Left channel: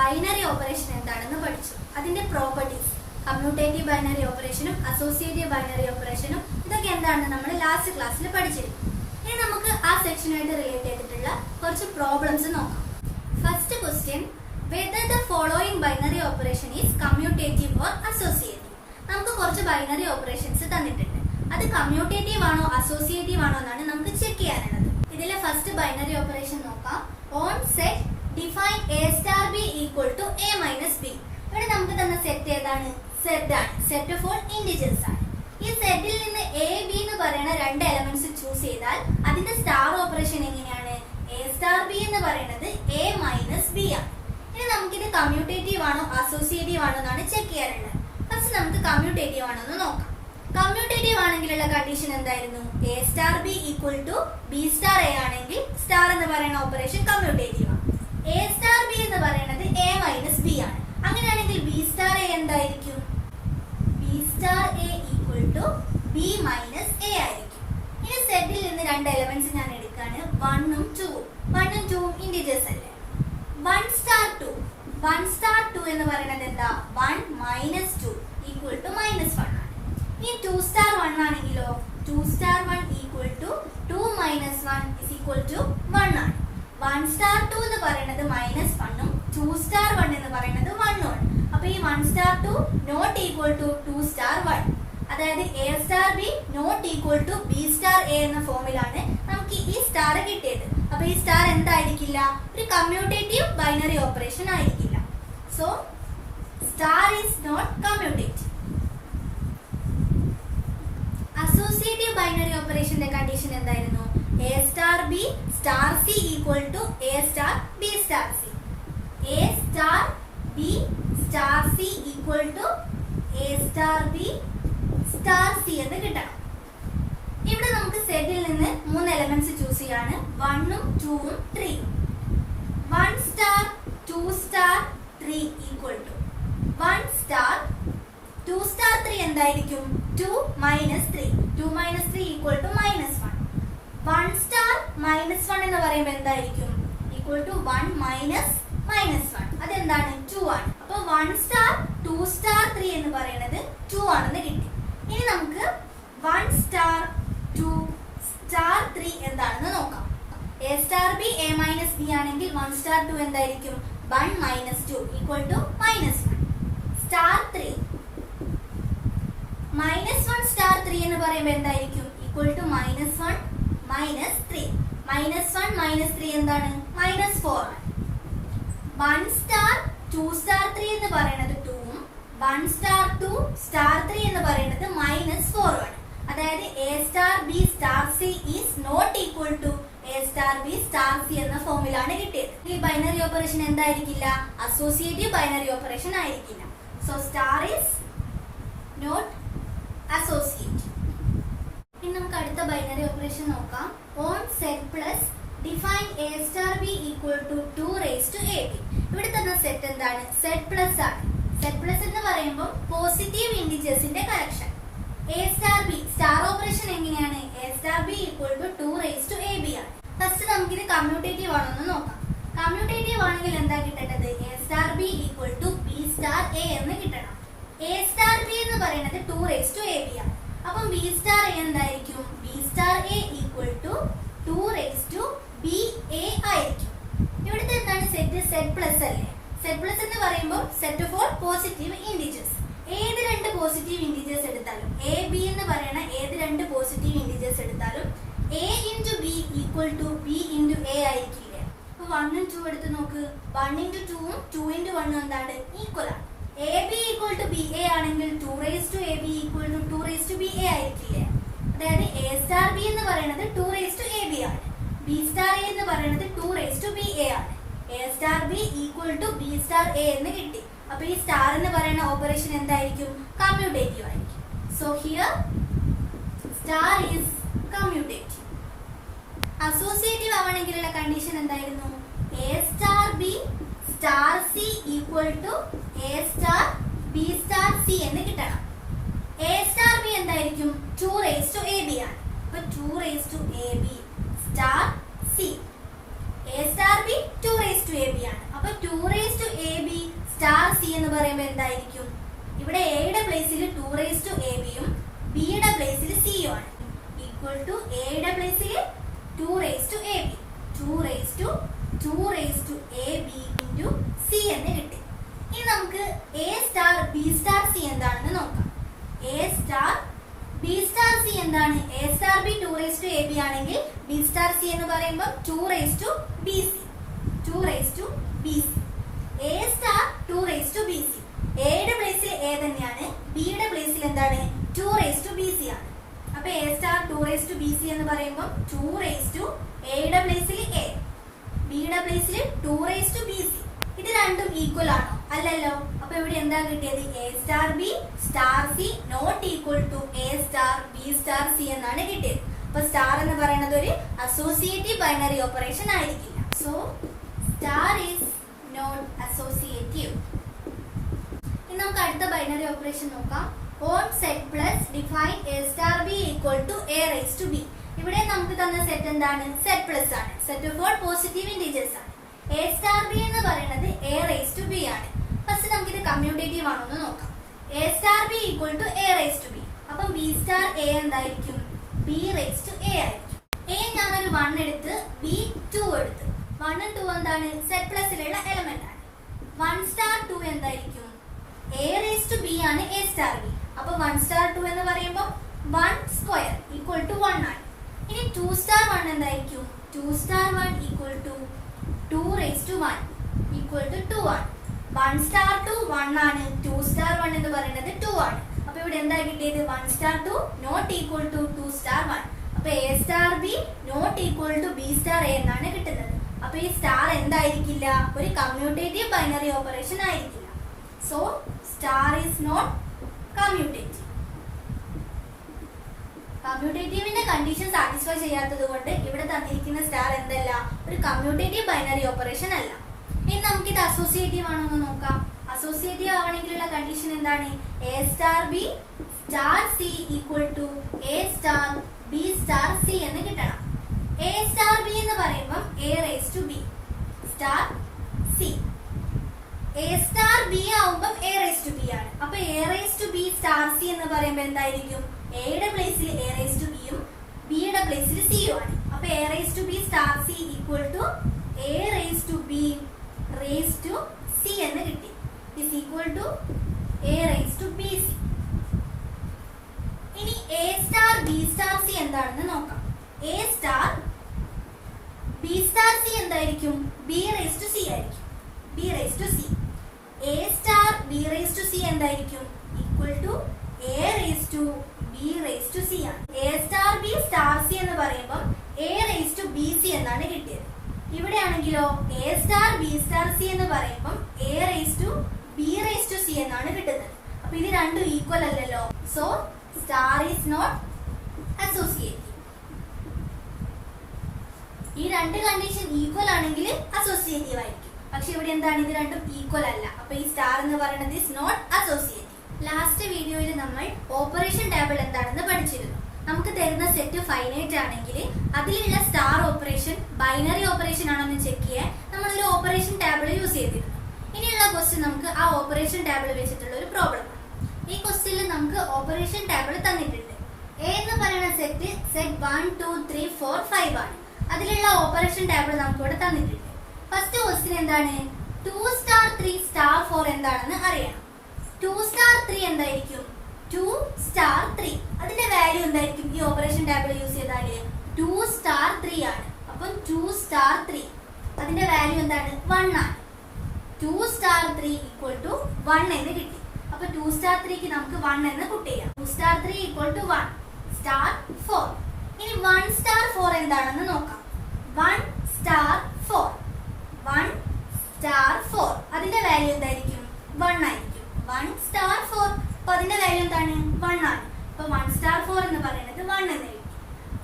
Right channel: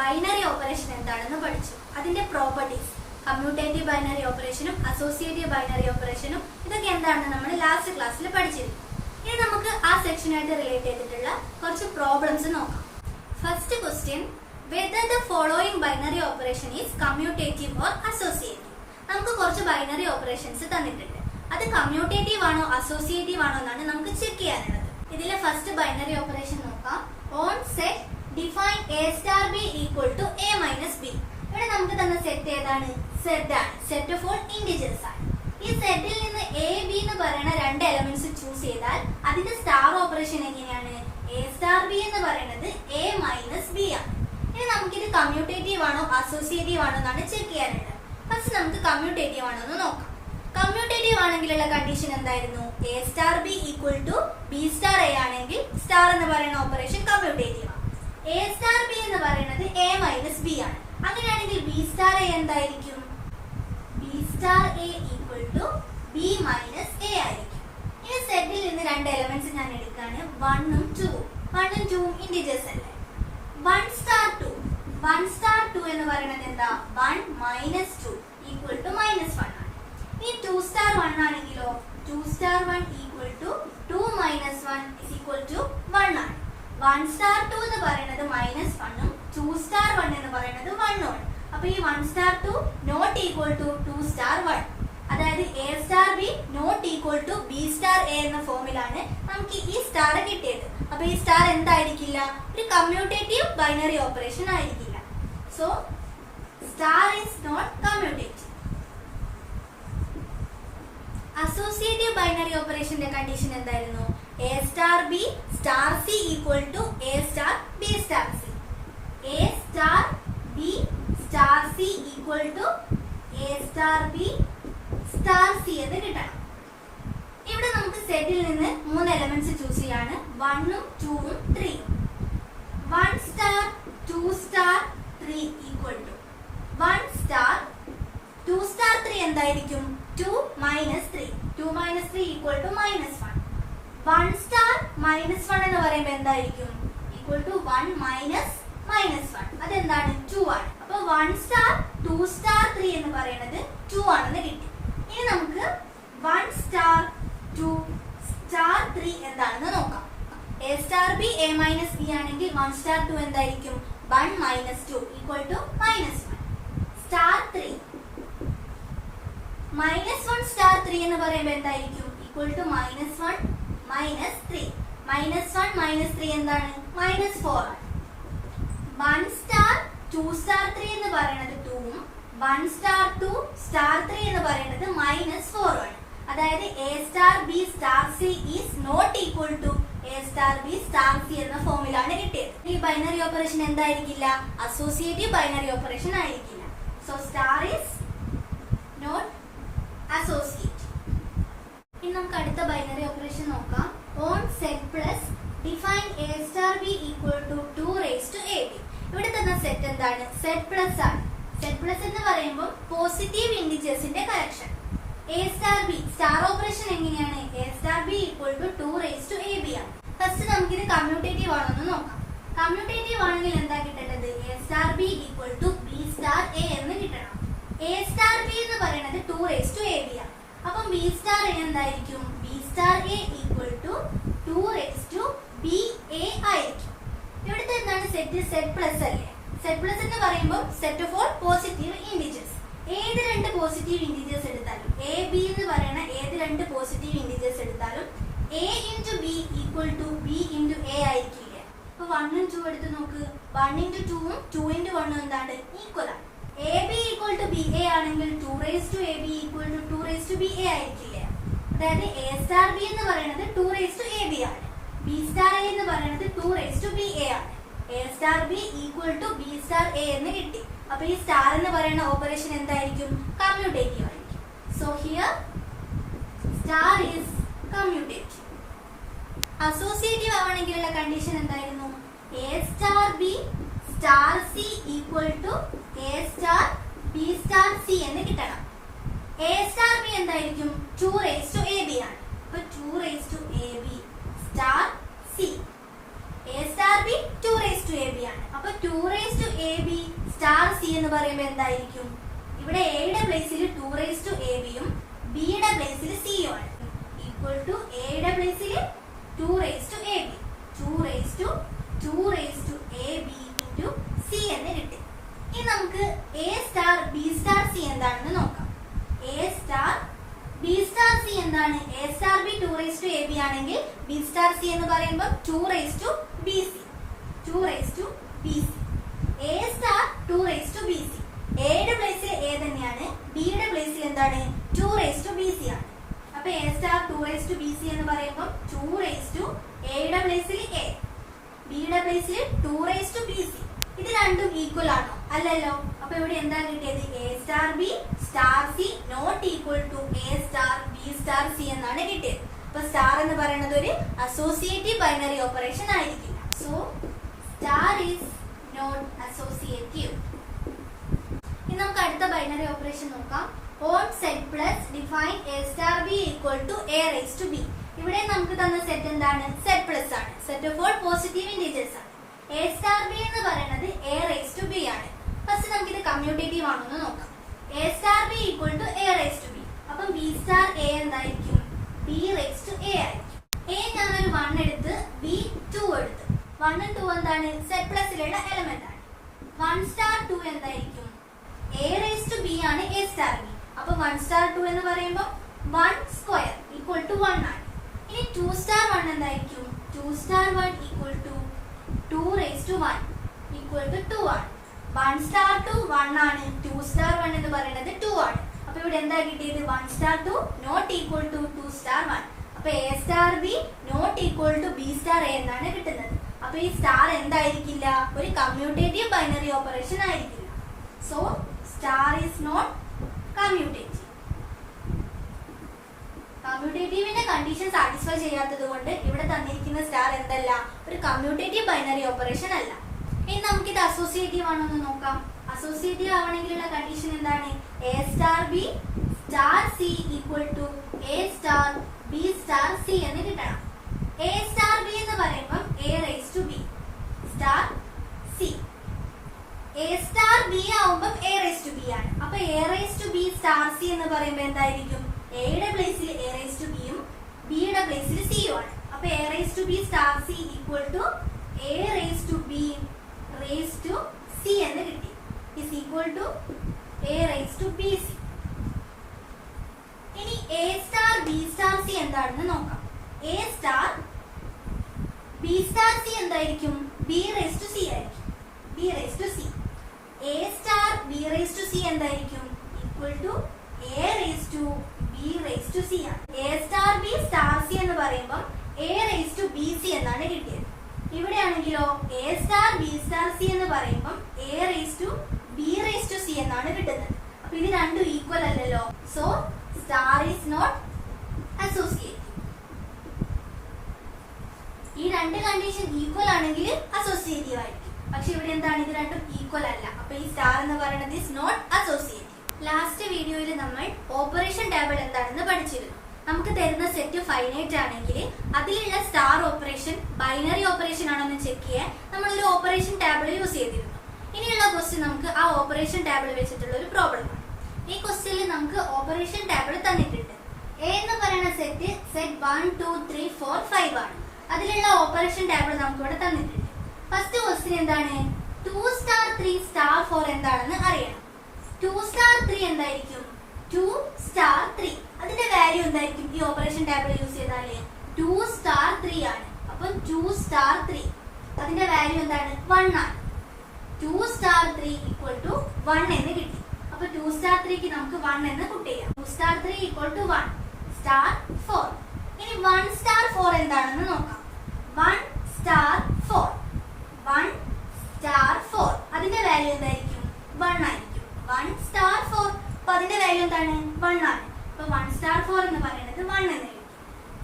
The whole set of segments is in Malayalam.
ബൈനറി ഓപ്പറേഷൻ എന്താണെന്ന് പഠിച്ചു. അതിന്റെ പ്രോപ്പർട്ടീസ്, കമ്മ്യൂട്ടേറ്റീവ് ബൈനറി ഓപ്പറേഷനും അസോസിയേറ്റീവ് ബൈനറി ഓപ്പറേഷനും ഇതൊക്കെ എന്താണെന്ന് നമ്മൾ ലാസ്റ്റ് ക്ലാസ്സിൽ പഠിച്ചിരുന്നു. ഇനി നമുക്ക് ആ സെക്ഷനായിട്ട് റിലേറ്റ് ചെയ്തിട്ടുള്ള കുറച്ച് പ്രോബ്ലംസ് നോക്കാം. First question, whether the following binary operation is commutative or associative. നമുക്ക് കുറച്ച് ബൈനറി ഓപ്പറേഷൻസ് തന്നിട്ടുണ്ട്. അത് കമ്മ്യൂട്ടേറ്റീവ് ആണോ അസോസിയേറ്റീവ് ആണോ എന്നാണ് നമുക്ക് ചെക്ക് ചെയ്യാനുള്ളത്. ഇതിലെ ഫസ്റ്റ് ബൈനറി ഓപ്പറേഷൻ നോക്കാം. On set define A star B equal to A minus B. ഇവിടെ നമുക്ക് തന്ന സെറ്റ് ഏതാണ്? സെറ്റ് ആണ്. സെറ്റ് ഓഫ് ഓൾ ഇന്റിജേഴ്സ് ആണ്. ഈ സെറ്റിൽ നിന്ന് എ ബി എന്ന് പറയുന്ന രണ്ട് എലമെന്റ്സ് ചൂസ് ചെയ്താൽ അതിന്റെ സ്റ്റാർ ഓപ്പറേഷൻ എങ്ങനെയാണ്? എ സ്റ്റാർ ബി എന്ന് പറയുന്നത് എ മൈനസ് ബി ആണ്. ഇനി നമുക്കിത് കമ്മ്യൂട്ടേറ്റീവ് ആണോ അസോസിയേറ്റീവ് ആണോ എന്നാണ് ചെക്ക് ചെയ്യാനുള്ളത്. ഫസ്റ്റ് നമുക്ക് കമ്മ്യൂട്ടേറ്റീവ് ആണോ എന്ന് നോക്കാം. കമ്മ്യൂട്ടേറ്റീവ് ആണെങ്കിലുള്ള കണ്ടീഷൻ എന്തായിരുന്നു? A star B equal to B star a ആണെങ്കിൽ സ്റ്റാർ എന്ന് പറയുന്ന ഓപ്പറേഷൻ കമ്മ്യൂട്ടേറ്റീവ് ആണ്. എ സ്റ്റാർ ബി എന്ന് പറയുന്നത് എ മൈനസ് ബി ആണ്. അങ്ങനെയാണെങ്കിൽ ബി സ്റ്റാർ എ എന്തായിരിക്കും? B star A equal to b minus a ആയിരിക്കും. ഇനി സെറ്റിൽ നിന്ന് രണ്ട് എലമെന്റ്സ് ഞാൻ എടുക്കാണ്, 1ഉം 2ഉം. 1ഉം 2ഉം ഇന്റിജേഴ്സ് അല്ലേ? 1 സ്റ്റാർ 2. 1 സ്റ്റാർ 2 എന്ന് പറയുന്നത് എന്താ? 1 മൈനസ് 2 ഈക്വൽ ടു മൈനസ് 1 ആണ്. ഇനി 2 സ്റ്റാർ 1 ആണെങ്കിലോ 2 star 1 equal to 2 minus 1 is equal to 1 ആണ്. 1 സ്റ്റാർ 2 എന്ന് പറയുന്നത് മൈനസ് 1ഉം 2 സ്റ്റാർ 1 എന്ന് പറയുന്നത് 1ഉം ആണ്. അപ്പൊ ഈ 1 star 2 not equal to 2 star 1. അതായത് A star B not equal to B star a എന്ന ഫോമിലാണ് നമുക്ക് ഈ സ്റ്റാർ കിട്ടിയത്. അപ്പൊ ഈ സ്റ്റാർ എന്തായിരിക്കില്ല? ഒരു കമ്മ്യൂട്ടേറ്റീവ് ബൈനറി ഓപ്പറേഷൻ ആയിരിക്കില്ല. So star is not commutative. Associative binary ഓപ്പറേഷന്റെ കണ്ടീഷൻ എന്തായിരുന്നു? A star B star C equal to A star B star C. A star B star C equal to A star B star C എന്ന് കിട്ടണം. ഇവിടെ നമുക്ക് സെറ്റിൽ നിന്ന് 3 എലമെന്റ്സ് ചൂസ് ചെയ്യാണ്, 1ഉം 2ഉം 3ഉം. 1 star 2 star 3 equal to 1 star 2 star 3 എന്തായിരിക്കും? 2 minus 3. 2 minus 3 equal to minus 1. 1 star minus 1 എന്ന് പറയുമ്പോൾ എന്തായിരിക്കും? Equal to 1 minus minus 1. അതെന്താണ്? 2 ആണ്. അപ്പൊ 1 സ്റ്റാർ 2 സ്റ്റാർ 3 എന്ന് പറയുന്നത് 2 ആണെന്ന് കിട്ടി. ഇനി നമുക്ക് 1 സ്റ്റാർ 2 സ്റ്റാർ 3 എന്താണെന്ന് നോക്കാം. A star b a minus b ആണെങ്കിൽ 1 സ്റ്റാർ 2 എന്തായിരിക്കും? 1 minus 2 equal to minus 1. Star 3 minus 1 star 3 എന്ന് പറയുമ്പോൾ എന്തായിരിക്കും? Equal to minus 1 minus 3. Minus 1 minus 3 എന്താണ്? മൈനസ് 4 ആണ്. 1 സ്റ്റാർ 2 സ്റ്റാർ 3 എന്ന് പറയുന്നത് 2ഉം 1 സ്റ്റാർ 2 സ്റ്റാർ 3 എന്ന് പറയുന്നത് മൈനസ് 4 ആണ്. അതായത് A star B star C is not equal to A star B star C എന്ന ഫോമിലാണ് കിട്ടിയത്. ഈ ബൈനറി ഓപ്പറേഷൻ എന്തായിരിക്കില്ല? അസോസിയേറ്റീവ് ബൈനറി ഓപ്പറേഷൻ ആയിരിക്കില്ല. So star is not associative. ഇനി നമുക്ക് അടുത്ത ബൈനറി ഓപ്പറേഷൻ നോക്കാം. On set plus define A star B equal to 2 raise to A B. ഇവിടെ തന്ന സെറ്റ് എന്താണ്? സെറ്റ് പ്ലസ് ആണ്. സെറ്റ് പ്ലസ് എന്ന് പറയുമ്പോൾ പോസിറ്റീവ് ഇന്റിജേഴ്സിന്റെ collection. A star B star operation എങ്ങനെയാണ്? A star B equal to 2 raise to A B ആണ്. ഫസ്റ്റ് നമുക്കിത് കമ്മ്യൂട്ടേറ്റീവ് ആണോ എന്ന് നോക്കാം. കമ്മ്യൂട്ടേറ്റീവ് ആണെങ്കിൽ എന്താ കിട്ടേണ്ടത്? A star B equal to B star A എന്ന് കിട്ടണം. എ സ്റ്റാർ ബി എന്ന് പറയുന്നത് 2 റേസ് ടു എ ബി ആണ്. അപ്പം ബി സ്റ്റാർ എ എന്തായിരിക്കും? B star A equal to 2 raise to B A ആയിരിക്കും. ഇവിടുത്തെ എന്താണ് സെറ്റ്? സെറ്റ് പ്ലസ് അല്ലേ? സെറ്റ് പ്ലസ് എന്ന് പറയുമ്പോൾ set of all positive integers. ഏത് രണ്ട് പോസിറ്റീവ് ഇന്റിജേഴ്സ് എടുത്താലും, എ ബി എന്ന് പറയുന്ന ഏത് രണ്ട് പോസിറ്റീവ് ഇന്റിജേഴ്സ് എടുത്താലും A into B equal to B into A ആയിരിക്കില്ലേ? അപ്പൊ 1ഉം 2 എടുത്ത് നോക്ക്. 1 ഇൻറ്റു 2ഉം 2 ഇൻറ്റു 1ഉം എന്താണ്? ഈക്വൽ ആണ്. A B equal to B A ആണെങ്കിൽ 2 raise to A B equal to 2 raise to B A ആയിരിക്കില്ലേ? അതായത് എ സ്റ്റാർ ബി എന്ന് പറയുന്നത് 2 റേസ് ടു എ ബി ആണ്. ബി സ്റ്റാർ എ എന്ന് പറയുന്നത് 2 റേസ് ടു ബി എ ആണ്. A star B equal to B star A എന്ന് കിട്ടി. അപ്പൊ ഈ സ്റ്റാർ എന്ന് പറയുന്ന ഓപ്പറേഷൻ എന്തായിരിക്കും? കമ്മ്യൂട്ടേറ്റീവ് ആയിരിക്കും. So here star is commutative. Associative ആവണമെങ്കിലുള്ള കണ്ടീഷൻ എന്തായിരുന്നു? A star B star C equal to A star B star C എന്ന് കിട്ടണം. എ സ്റ്റാർ ബി എന്തായിരിക്കും? 2 റേസ് ടു എ ബി ആണ്. അപ്പൊ 2 raise to A b star C. A star b 2 raise to A B ആണ്. അപ്പൊ 2 raise to A b star C എന്ന് പറയുമ്പോൾ എന്തായിരിക്കും? ഇവിടെ എയുടെ പ്ലേസിൽ 2ab യും ബിയുടെ പ്ലേസിൽ സി യും ആണ്. ഈക്വൽ ടു എയുടെ പ്ലേസിൽ 2ab 2ab ഇൻറ്റു സി എന്ന് കിട്ടി. ഇനി നമുക്ക് A star B star C എന്താണെന്ന് നോക്കാം. A star B star C എന്താണ്? എ സ്റ്റാർ ബി 2ab ആണെങ്കിൽ ബി സ്റ്റാർ സി എന്ന് പറയുമ്പോൾ 2bc. A star 2bc. എയുടെ പ്ലേസിൽ എ തന്നെയാണ്, ബിയുടെ പ്ലേസിൽ എന്താണ്? 2bc ആണ്. അപ്പൊ എ സ്റ്റാർ 2bc എന്ന് പറയുമ്പോൾ 2 എയുടെ പ്ലേസിൽ എ, ബിയുടെ പ്ലേസിൽ 2bc. ഇത് രണ്ടും ഈക്വൽ ആണോ? അല്ലല്ലോ. അപ്പൊ ഇവിടെ എന്താ കിട്ടിയത്? A star B star c not equal to A star B star c എന്നാണ് കിട്ടിയത്. അപ്പൊ സ്റ്റാർ എന്ന് പറയുന്നത് ഒരു അസോസിയേറ്റീവ് ബൈനറി ഓപ്പറേഷൻ ആയിരിക്കില്ല. So star is not associative. ഇനി നമുക്ക് അടുത്ത ബൈനറി ഓപ്പറേഷൻ നോക്കാം. On set plus define A star B equal to A rice to b. ഇവിടെ നമുക്ക് തന്ന സെറ്റ് എന്താണ്? സെറ്റ് പ്ലസ് ആണ്. Set of all positive integers ആണ്. എ സ്റ്റാർ ബി എന്ന് പറയുന്നത് എ റൈസ് ടു ബി ആണ്. ഫസ്റ്റ് നമുക്ക് ഇത് കമ്മ്യൂട്ടേറ്റീവ് ആണോ എന്ന് നോക്കാം. A star B equal to A rice to b. അപ്പം ബി സ്റ്റാർ എ എന്തായിരിക്കും? ബി റൈസ് ടു എ ആയിരിക്കും. എ ഞാനൊരു 1 എടുത്ത് ബി 2 എടുത്ത്. 1 2 എന്താണ്? സെറ്റ് പ്ലസിലുള്ള എലമെന്റ് ആണ്. 1 സ്റ്റാർ 2 എന്തായിരിക്കും? എ റൈസ് ടു ബി ആണ് എ സ്റ്റാർ ബി. അപ്പൊ 1 സ്റ്റാർ 2 എന്ന് പറയുമ്പോൾ 1 സ്ക്വയർ ഈക്വൽ ടു 1 ആണ്. ഇനി 2 സ്റ്റാർ 1 എന്തായിരിക്കും? 2 star 1 equal to 2 raise to 1 equal to 2 ആണ്. 1 സ്റ്റാർ 2 1 ആണ്, 2 സ്റ്റാർ 1 എന്ന് പറയുന്നത് 2 ആണ്. അപ്പൊ ഇവിടെ എന്താ കിട്ടിയത്? 1 star 2 not equal to 2 star 1. അപ്പൊ A star B not equal to B star A എന്നാണ് കിട്ടുന്നത്. അപ്പൊ ഈ സ്റ്റാർ എന്തായിരിക്കില്ല? ഒരു കമ്മ്യൂട്ടേറ്റീവ് ബൈനറി ഓപ്പറേഷൻ ആയിരിക്കില്ല. So star is not commutative. കമ്മ്യൂട്ടേറ്റീവിന്റെ കണ്ടീഷൻ സാറ്റിസ്ഫൈ ചെയ്യാത്തത് കൊണ്ട് ഇവിടെ തന്നിരിക്കുന്ന സ്റ്റാർ എന്തല്ല? ഒരു കമ്മ്യൂട്ടേറ്റീവ് ബൈനറി ഓപ്പറേഷൻ അല്ല. ഇനി നമുക്ക് ഇത് അസോസിയേറ്റീവ് ആണോ എന്ന് നോക്കാം. അസോസിയേറ്റീവ് ആവണമെങ്കിലുള്ള കണ്ടീഷൻ എന്താണ്? A star B star C equal to A star B star C എന്ന് കിട്ടണം. എ സ്റ്റാർ ബി എന്ന് പറയുമ്പോൾ a rice to B star C. A star b ആവുമ്പോൾ എ റൈസ് ടു ബി ആണ്. അപ്പൊ A rice to B star C എന്ന് പറയുമ്പോൾ എന്തായിരിക്കും? എയുടെ പ്ലേസിൽ എ റൈസ് ടു ബിയും ബിയുടെ പ്ലേസിൽ സിയും ആണ്. അപ്പൊ A rice to B star C equal to A rice to B rice to C എന്ന് കിട്ടി. Is equal to A rice to B C. ഇനി A star B star C എന്താണെന്ന് നോക്കാം. A star B star C എന്തായിരിക്കും? ബി റൈസ് ടു സി ആയിരിക്കും. B rice to C. A star B rice to C എന്തായിരിക്കും? Equal to A rice to B rice to C ആണ്. A star B star C എന്ന് പറയുമ്പോൾ a rice to B c എന്നാണ് കിട്ടിയത്. ഇവിടെ ആണെങ്കിലോ a star B star C എന്ന് പറയുമ്പോൾ a rice to B rice to c എന്നാണ് കിട്ടുന്നത്. അപ്പൊ ഇത് രണ്ടും ഈക്വൽ അല്ലല്ലോ. So star is not associative. ഈ രണ്ട് കണ്ടീഷൻ ഈക്വൽ ആണെങ്കിൽ അസോസിയേറ്റീവ് ആയിരിക്കും. പക്ഷെ ഇവിടെ എന്താണ്? ഇത് രണ്ടും ഈക്വൽ അല്ല. അപ്പൊ ഈ സ്റ്റാർ എന്ന് പറയുന്നത് ഈസ് നോട്ട് അസോസിയേറ്റീവ്. ലാസ്റ്റ് വീഡിയോയിൽ നമ്മൾ ഓപ്പറേഷൻ ടേബിൾ എന്താണെന്ന് പഠിച്ചിരുന്നു. നമുക്ക് തരുന്ന സെറ്റ് ഫൈനൈറ്റ് ആണെങ്കിൽ അതിലുള്ള സ്റ്റാർ ഓപ്പറേഷൻ ബൈനറി ഓപ്പറേഷൻ ആണോ എന്ന് ചെക്ക് ചെയ്യാൻ നമ്മളൊരു ഓപ്പറേഷൻ ടേബിൾ യൂസ് ചെയ്തിരുന്നു. ഇനിയുള്ള ക്വസ്റ്റ്യൻ നമുക്ക് ആ ഓപ്പറേഷൻ ടേബിൾ വെച്ചിട്ടുള്ള ഒരു പ്രോബ്ലം ആണ്. ഈ ക്വസ്റ്റ്യനിൽ നമുക്ക് ഓപ്പറേഷൻ ടേബിൾ തന്നിട്ടുണ്ട്. എ എന്ന് പറയുന്ന സെറ്റ് 1 2 3 4 5 ആണ്. അതിലുള്ള ഓപ്പറേഷൻ ടേബിൾ നമുക്ക് ഇവിടെ തന്നിട്ടുണ്ട്. ഫസ്റ്റ് ക്വസ്റ്റ്യൻ എന്താണ്? 2 സ്റ്റാർ 3 സ്റ്റാർ 4 എന്താണെന്ന് അറിയണം. 2 സ്റ്റാർ 3 എന്തായിരിക്കും? 2 സ്റ്റാർ 3. അതിന്റെ വാല്യൂ എന്തായിരിക്കും? ഈ ഓപ്പറേഷൻ ടേബിൾ യൂസ് ചെയ്താല് 2 സ്റ്റാർ 3 ആണ്. അപ്പൊ 2 സ്റ്റാർ 3 അതിന്റെ വാല്യൂ എന്താണ്? 1 ആണ്. 2 സ്റ്റാർ 3 ഈക്വൽ ടു 1 എന്ന് കിട്ടി. അപ്പൊ 2 സ്റ്റാർ 3ക്ക് നമുക്ക് 1 എന്ന് പുട്ട് ചെയ്യാം. 2 സ്റ്റാർ 3 ഈക്വൽ ടു 1 സ്റ്റാർ 4. ഇനി 1 സ്റ്റാർ 4 എന്താണെന്ന് നോക്കാം. 1 സ്റ്റാർ 4 1 സ്റ്റാർ 4 അതിന്റെ വാല്യൂ എന്തായിരിക്കും? 1 ആയിരിക്കും. 1 സ്റ്റാർ 4 അപ്പൊ അതിന്റെ വാല്യൂ എന്താണ്? 1 ആണ്. അപ്പൊ 1 സ്റ്റാർ 4 എന്ന് പറയുന്നത് 1 എന്ന് കിട്ടി.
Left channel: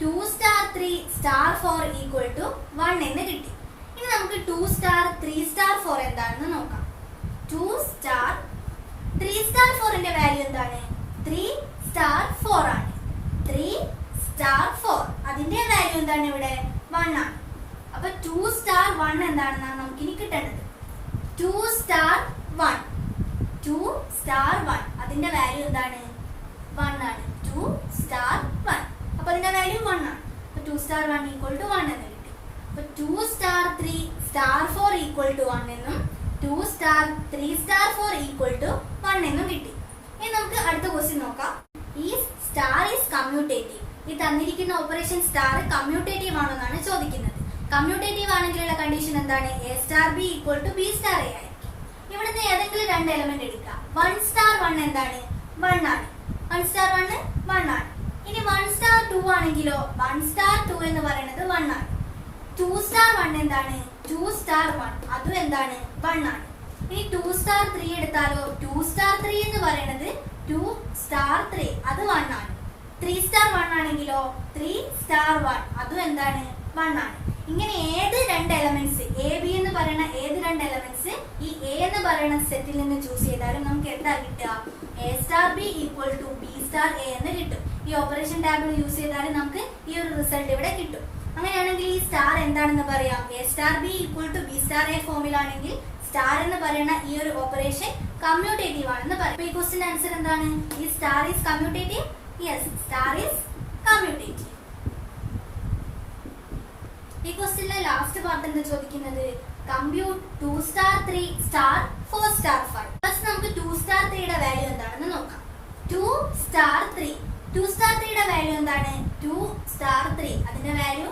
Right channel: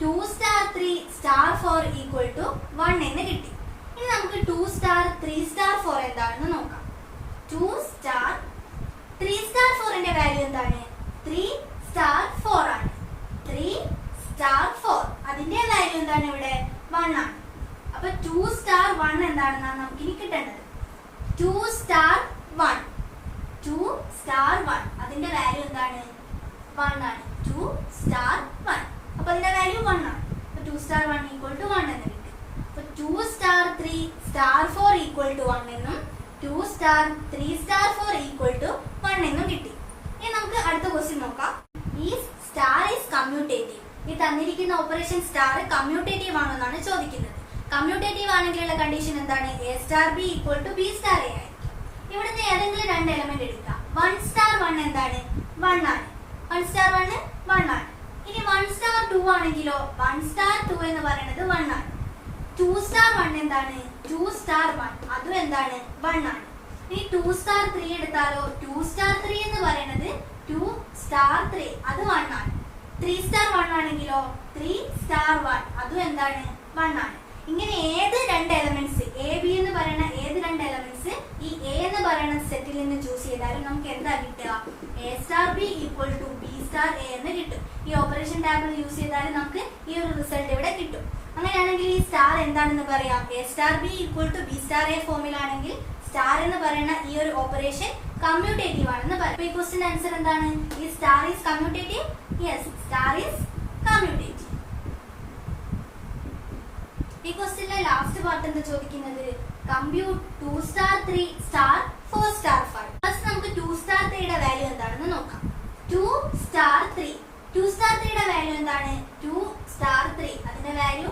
2 സ്റ്റാർ 3 സ്റ്റാർ 4 ഈക്വൽ ടു 1 എന്ന് കിട്ടി. ഇനി നമുക്ക് 2 സ്റ്റാർ 3 സ്റ്റാർ 4 എന്താണെന്ന് നോക്കാം. 2 സ്റ്റാർ 3 സ്റ്റാർ 4ന്റെ വാല്യൂ എന്താണ്? 3 സ്റ്റാർ 4 ആണ്. 3 സ്റ്റാർ 4 അതിന്റെ വാല്യൂ എന്താണ്? ഇവിടെ 1 ആണ്. അപ്പൊ 2 സ്റ്റാർ 1 എന്താണെന്നാണ് നമുക്ക് ഇനി കിട്ടേണ്ടത്. 2 സ്റ്റാർ 1. 2 star 1 അതിന്റെ വാല്യൂ എന്താണ്? 1 ആണ്. 2 star 1 അപ്പോൾ അതിന്റെ വാല്യൂ 1 ആണ്. അപ്പോൾ 2 star 1 equal to 1 എന്ന് കിട്ടി. അപ്പോൾ 2 star 3 star 4 equal to 1 എന്നും 2 star 3 star 4 equal to 1 എന്നും കിട്ടി. ഇനി നമുക്ക് അടുത്ത ക്വസ്റ്റ്യൻ നോക്കാം. ഈ സ്റ്റാർ ഈസ് കമ്മ്യൂട്ടേറ്റീവ്. ഈ തന്നിരിക്കുന്ന ഓപ്പറേഷൻ സ്റ്റാർ കമ്മ്യൂട്ടേറ്റീവ് ആണോ എന്നാണ് ചോദിക്കുന്നത്. കമ്മ്യൂട്ടേറ്റീവ് ആണെങ്കിലുള്ള കണ്ടീഷൻ എന്താണ്? A star B equal to B star a ആയിരിക്കും. ഇവിടുത്തെ ഏതെങ്കിലും രണ്ട് എലമെന്റ് എടുക്കാം. 1 star 1 എന്താണ്? 1 ആണ്. 1 star 1 1 ആണ്. ഇനി 1 star 2 ആണെങ്കിലോ 1 star 2 എന്ന് പറയുന്നത് 1 ആണ്. 2 star 1 എന്താണ്? 2 star 1 അതും എന്താണ്? 1 ആണ്. ഇനി 2 star 3 എടുത്താലോ 2 star 3 എന്ന് പറയുന്നത് 2 star 3 അത് 1 ആണ്. 3 star 1 ആണെങ്കിലോ 3 star 1 അതും എന്താണ്? 1 ആണ്. ഇങ്ങനെ ഏത് രണ്ട് എലമെന്റ്സ് എ ബി എന്ന് പറയുന്ന ഏത് രണ്ട് എലമെന്റ്സ് ഈ എ എന്ന് പറയുന്ന സെറ്റിൽ നിന്ന് ചൂസ് ചെയ്താലും നമുക്ക് എന്താ കിട്ടുക? A star B equal to B star A എന്ന് കിട്ടും. ഈ ഓപ്പറേഷൻ ടേബിൾ യൂസ് ചെയ്താൽ നമുക്ക് ഈ ഒരു റിസൾട്ട് ഇവിടെ കിട്ടും. അങ്ങനെയാണെങ്കിൽ ഈ സ്റ്റാർ എന്താണെന്ന് പറയാം? A star B equal to B star A ഫോമിലാണെങ്കിൽ സ്റ്റാർ എന്ന് പറയുന്ന ഈ ഒരു ഓപ്പറേഷൻ കമ്മ്യൂട്ടേറ്റീവ് ആണെന്ന് പറയാം. ഈ ക്വസ്റ്റിന്റെ ആൻസർ എന്താണ്? ഈ star is commutative. Yes, star is commutative. ഈ ക്വസ്റ്റ്യനിലെ ലാസ്റ്റ് പാർട്ട് എന്താ ചോദിക്കുന്നത്? Compute 2 star 3 star 4 star 5. First നമുക്ക് 2 star 3 യുടെ വാല്യൂ എന്താണെന്ന് നോക്കാം. 2 star 3 2 star 3 യുടെ വാല്യൂ എന്താണ്? 2 star 3 അതിന്റെ വാല്യൂ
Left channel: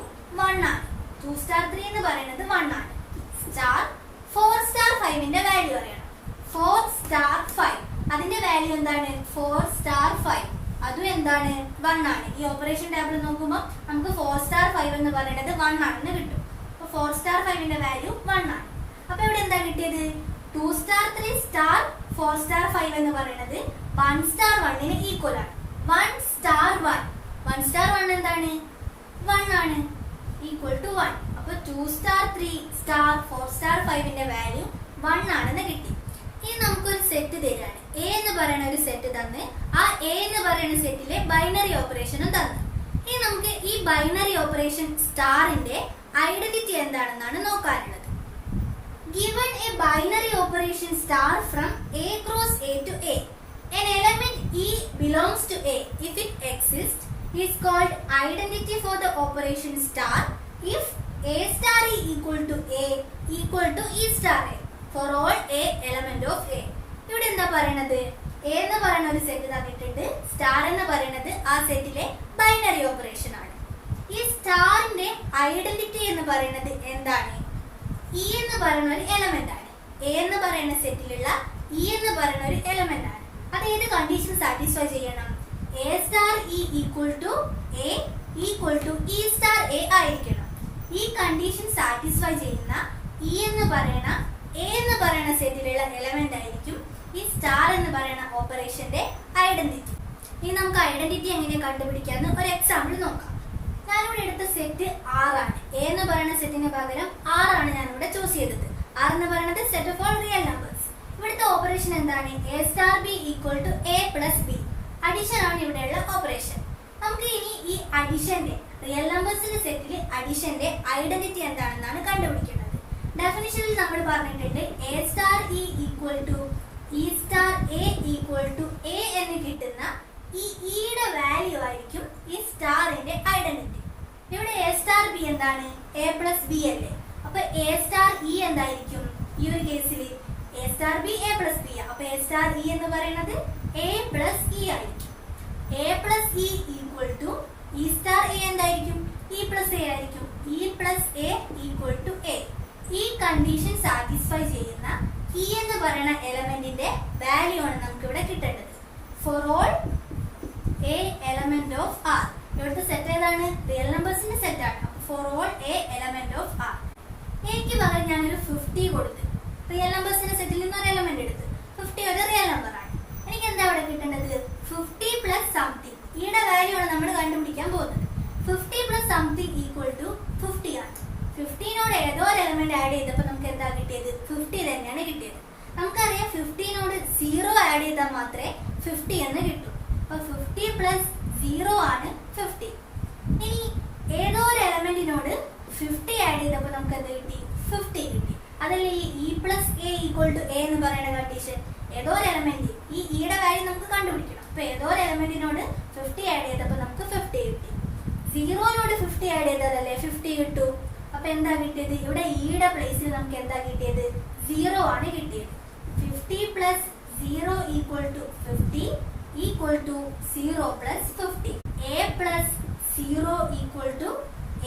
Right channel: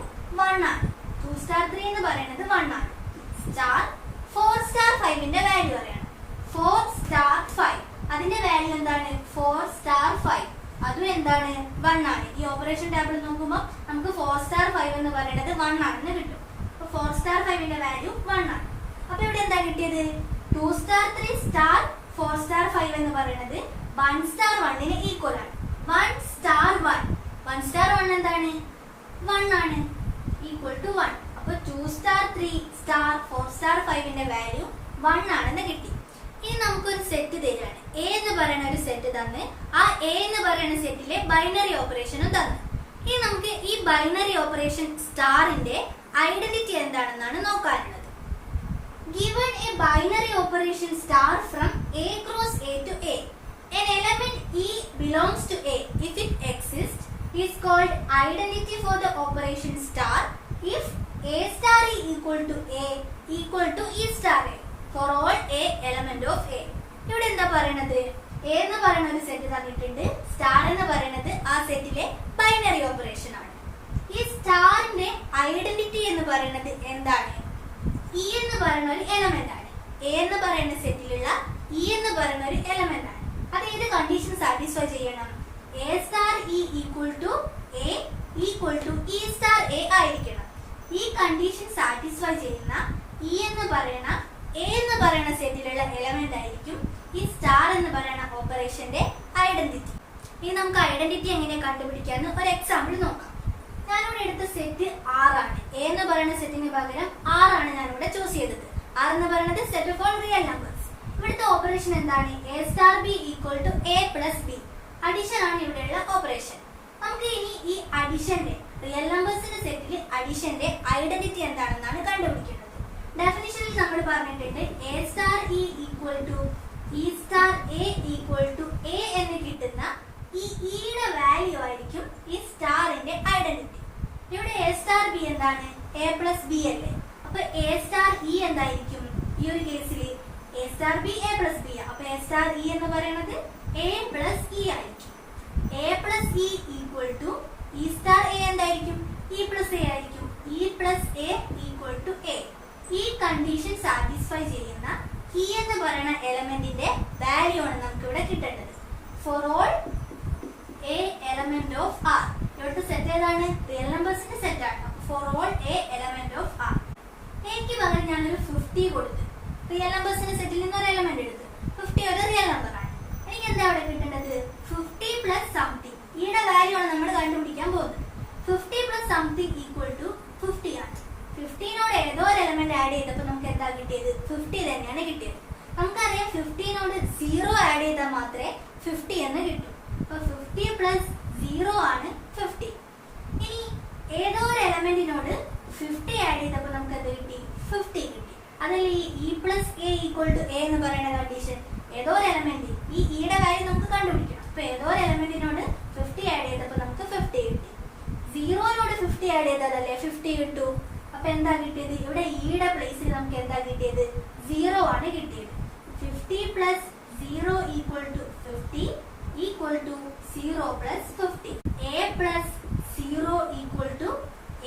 1 ആണ്. 2 star 3 എന്ന് പറയുന്നത് 1 ആണ്. സ്റ്റാർ 4 star 5 ന്റെ വാല്യൂ അറിയണം. 4 star 5 അതിന്റെ വാല്യൂ എന്താണ്? 4 star 5 അതും എന്താണ്? 1 ആണ്. ഈ ഓപ്പറേഷൻ ടേബിൾ നോക്കുമ്പോൾ നമുക്ക് 4 star 5 എന്ന് പറയുന്നത് 1 ആണെന്ന് കിട്ടും. അപ്പൊ 4 star 5 ന്റെ വാല്യൂ 1 ആണ്. അപ്പൊ ഇവിടെ എന്താ കിട്ടിയത്? 2 star 3 star 4 star 5 എന്ന് പറയുന്നത് 1 star 1 ന് ഈക്വൽ ആണ്. 1 star 1 star 1 എന്താണ്? 1 ആണ്. Equal to 1. അപ്പൊ 2 star 3 star 4 star 5 ന്റെ വാല്യൂ 1 ആണെന്ന് കിട്ടി. ഇനി നമുക്കൊരു സെറ്റ് തരാണ്. എ എന്ന് പറയുന്ന ഒരു സെറ്റ് തന്ന് ആ എ എന്ന് പറയുന്ന സെറ്റിലെ ബൈനറി ഓപ്പറേഷനും തന്നു. ഇനി നമുക്ക് ഈ ബൈനറി ഓപ്പറേഷൻ സ്റ്റാറിന്റെ ഐഡന്റിറ്റി എന്താണെന്നാണ് നോക്കാനുള്ളത്. Given a binary operation star from A cross A to A, an element E belongs to A if it exists is called identity for the operation star if A star E equal to A equal to E star A for all A element of A. ഇവിടെ എന്താ പറയുന്നത്? എ എന്ന് പറയുന്ന ഒരു സെറ്റ് തന്നിട്ടുണ്ട്. സ്റ്റാർ എന്ന് പറയുന്നത് ആ സെറ്റിലെ ബൈനറി ഓപ്പറേഷൻ ആണ്. ഈ സ്റ്റാറിന്റെ ഐഡന്റിറ്റി എന്ന് പറയുന്നത് എന്താണ്? ഇ എന്ന് പറയുന്ന ഒരു എലമെന്റ് ആണ്. എ എന്ന് പറയുന്ന സെറ്റിലുള്ള ഇ എന്ന് പറയുന്ന ഒരു എലമെന്റ് ആണ്. അത് ഏത് കണ്ടീഷൻ സാറ്റിസ്ഫൈ ചെയ്യണം? A star E equal to A equal to E star a ആയിരിക്കണം. ഈ കണ്ടീഷൻ സാറ്റിസ്ഫൈ ചെയ്യുന്ന ഇ എന്ന് പറയുന്ന എ എന്ന് പറയുന്ന സെറ്റിലുള്ള എലമെന്റ് ആയിരിക്കും ഈ സ്റ്റാർ എന്ന് പറയുന്ന ഓപ്പറേഷന്റെ ഐഡന്റിറ്റി. ഇനി നമുക്ക് ഐഡന്റിറ്റി എങ്ങനെ കണ്ടുപിടിക്കാന്ന് ഒരു എക്സാമ്പിൾ നോക്കാം. ഞാനിവിടെ എടുത്ത സെറ്റ് 6 ആണ്. എ എന്ന് പറയുന്ന സെറ്റിന് പകരം 6 ആണ് ഞാനിവിടെ ചൂസ് ചെയ്തത്. 6 എന്ന് പറയുന്നത് set of all real numbers. ഇവിടുത്തെ ഓപ്പറേഷൻ എന്താണ്? A star B equal to A plus b. Addition ആണ് ഇവിടെയുള്ള ഓപ്പറേഷൻ. നമുക്ക് ഇനി ഈ അഡിഷന്റെ റിയൽ നമ്പേഴ്സിന്റെ സെറ്റിൽ അഡിഷന്റെ ഐഡന്റിറ്റി എന്താണെന്നാണ് കണ്ടുപിടിക്കേണ്ടത്. ഡെഫിനിഷനിൽ നമ്മൾ പറഞ്ഞിട്ടുണ്ട് a star E equal to E star A equal to a എന്ന് കിട്ടുന്ന ഈ ഇയുടെ വാല്യൂ ആയിരിക്കും ഈ സ്റ്റാറിന്റെ ഐഡന്റിറ്റി. ഇവിടെ എ സ്റ്റാർ ബി എന്താണ്? എ പ്ലസ് ബി അല്ലേ? അപ്പൊ എ സ്റ്റാർ ഇ എന്തായിരിക്കും? ഈ ഒരു കേസിൽ a star b a plus b. അപ്പൊ എ സ്റ്റാർ ഇ എന്ന് പറയുന്നത് എ പ്ലസ് ഇ ആയിരിക്കും. A plus E equal to E star A എന്തായിരിക്കും? ഇ പ്ലസ് എ ആയിരിക്കും. E plus a equal to a. ഈ കണ്ടീഷൻ സാറ്റിസ്ഫൈ ചെയ്യുന്ന ഇ എന്ന് പറയുന്ന എലമെന്റിന്റെ വാല്യൂ ആണ് നമുക്ക് ഇവിടെ കിട്ടേണ്ടത്. For all A element of R. ഇവിടുത്തെ സെറ്റ് ഏതാണ്? റിയൽ നമ്പേഴ്സിന്റെ സെറ്റ് ആണ്. For all A element of R. എനിക്ക് പകരം ഞാനൊരു 50 കൊടുത്തു. റിയൽ നമ്പേഴ്സിന്റെ സെറ്റിൽ നിന്ന് ഒരു എലമെന്റ് എടുത്ത് 50 ഒരു റിയൽ നമ്പർ ആണ്. എനിക്ക് എന്താ ഇവിടെ കിട്ടേണ്ടത്? 50 പ്ലസ് സംതിങ്. ഈയുടെ വാല്യൂ ആണ് നമ്മൾ കണ്ടുപിടിക്കാൻ പോകുന്നത്. 50 പ്ലസ് സംതിങ് ഈക്വൽ ടു 50 ആണ്. 15നോട് ഏതോ ഒരു എലമെന്റ് ആഡ് ചെയ്തപ്പോൾ നമുക്ക് എന്താ കിട്ടിയത്? 50 തന്നെയാണ് കിട്ടിയത്. നമുക്കറിയാം 15നോട് 0 ആഡ് ചെയ്താൽ മാത്രമേ 50 എന്ന് കിട്ടൂ. അപ്പൊ 50 പ്ലസ് 0 ആണ് 50. ഇനി ഏതോ ഒരു എലമെന്റിനോട് 50 ആഡ് ചെയ്തപ്പോൾ നമുക്ക് എന്താ കിട്ടി? 50 കിട്ടി. അതല്ലേ ഈ e plus a equal to a എന്ന് പറയുന്ന കണ്ടീഷൻ. ഏതോ ഒരു എലമെന്റ് ഈ ഇയുടെ വാല്യൂ നമുക്ക് കണ്ടുപിടിക്കണം. അപ്പൊ ഏതോ ഒരു എലമെന്റിനോട് 50 ആഡ് ചെയ്തപ്പോൾ നമുക്ക് 50 കിട്ടി. 0നോട് 50 ആഡ് ചെയ്താലല്ലേ 50 കിട്ടൂ. അപ്പൊ എന്താ കിട്ടിയത്? ഇവിടെ ഇയുടെ പ്ലേസിൽ നമുക്ക് എന്താ കിട്ടിയത്? 0 ആണ് കിട്ടിയത്. 50 plus 0 equal to 50 equal to 0 plus 50. A plus 0 equal to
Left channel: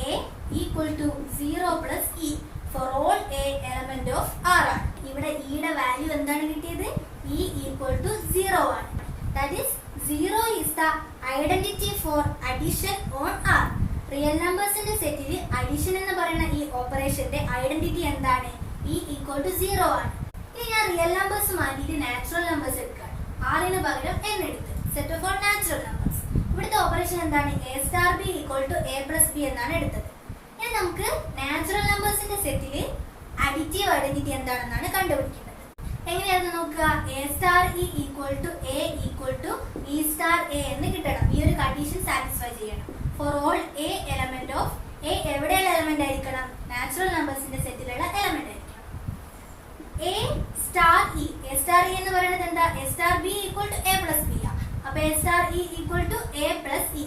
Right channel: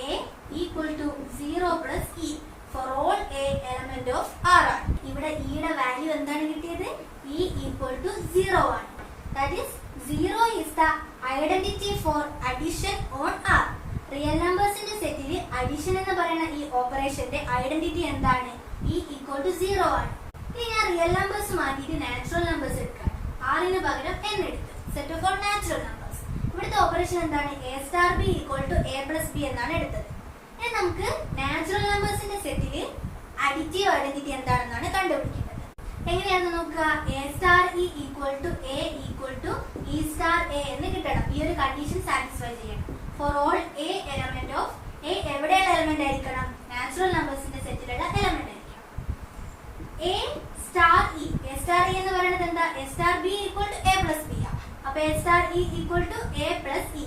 A equal to 0 plus e for all A element of R ആണ്. ഇവിടെ ഇയുടെ വാല്യൂ എന്താണ് കിട്ടിയത്? ഇ ഈക്വൽ ടു 0 ആണ്. That is 0 is the identity for addition on R. Real നമ്പേഴ്സിന്റെ സെറ്റിൽ അഡിഷൻ എന്ന് പറയുന്ന ഈ ഓപ്പറേഷന്റെ ഐഡന്റിറ്റി എന്താണ്? ഇ ഈക്വൽ ടു 0 ആണ്. ഇനി ഞാൻ റിയൽ നമ്പേഴ്സ് മാറ്റിയിട്ട് നാച്ചുറൽ നമ്പേഴ്സ് എടുക്കാം. ആറിന് പകരം n എടുത്ത് set of all natural numbers. ഇവിടുത്തെ ഓപ്പറേഷൻ എന്താണ്? A star B equal to A plus B എന്നാണ് എടുത്തത്. ഇനി നമുക്ക് നാച്ചുറൽ നമ്പേഴ്സിന്റെ സെറ്റില് അഡിറ്റീവ് ഐഡന്റിറ്റി എന്താണെന്നാണ് കണ്ടുപിടിക്കേണ്ടത്. എങ്ങനെയാണെന്ന് നോക്കുക. A star E equal to A equal to E star A എന്ന് കിട്ടണം. ഈ ഒരു കണ്ടീഷൻ സാറ്റിസ്ഫൈ ചെയ്യണം. For all A element of A എവിടെയുള്ള എലമെന്റ് ആയിരിക്കണം? നാച്ചുറൽ നമ്പേഴ്സിന്റെ സെറ്റിലുള്ള എലമെന്റ് ആയിരിക്കണം. A star E. A star E എന്ന് പറയുന്നത് എന്താ? A star B equal to A plus B ആണ്. അപ്പൊ A star E equal to A plus E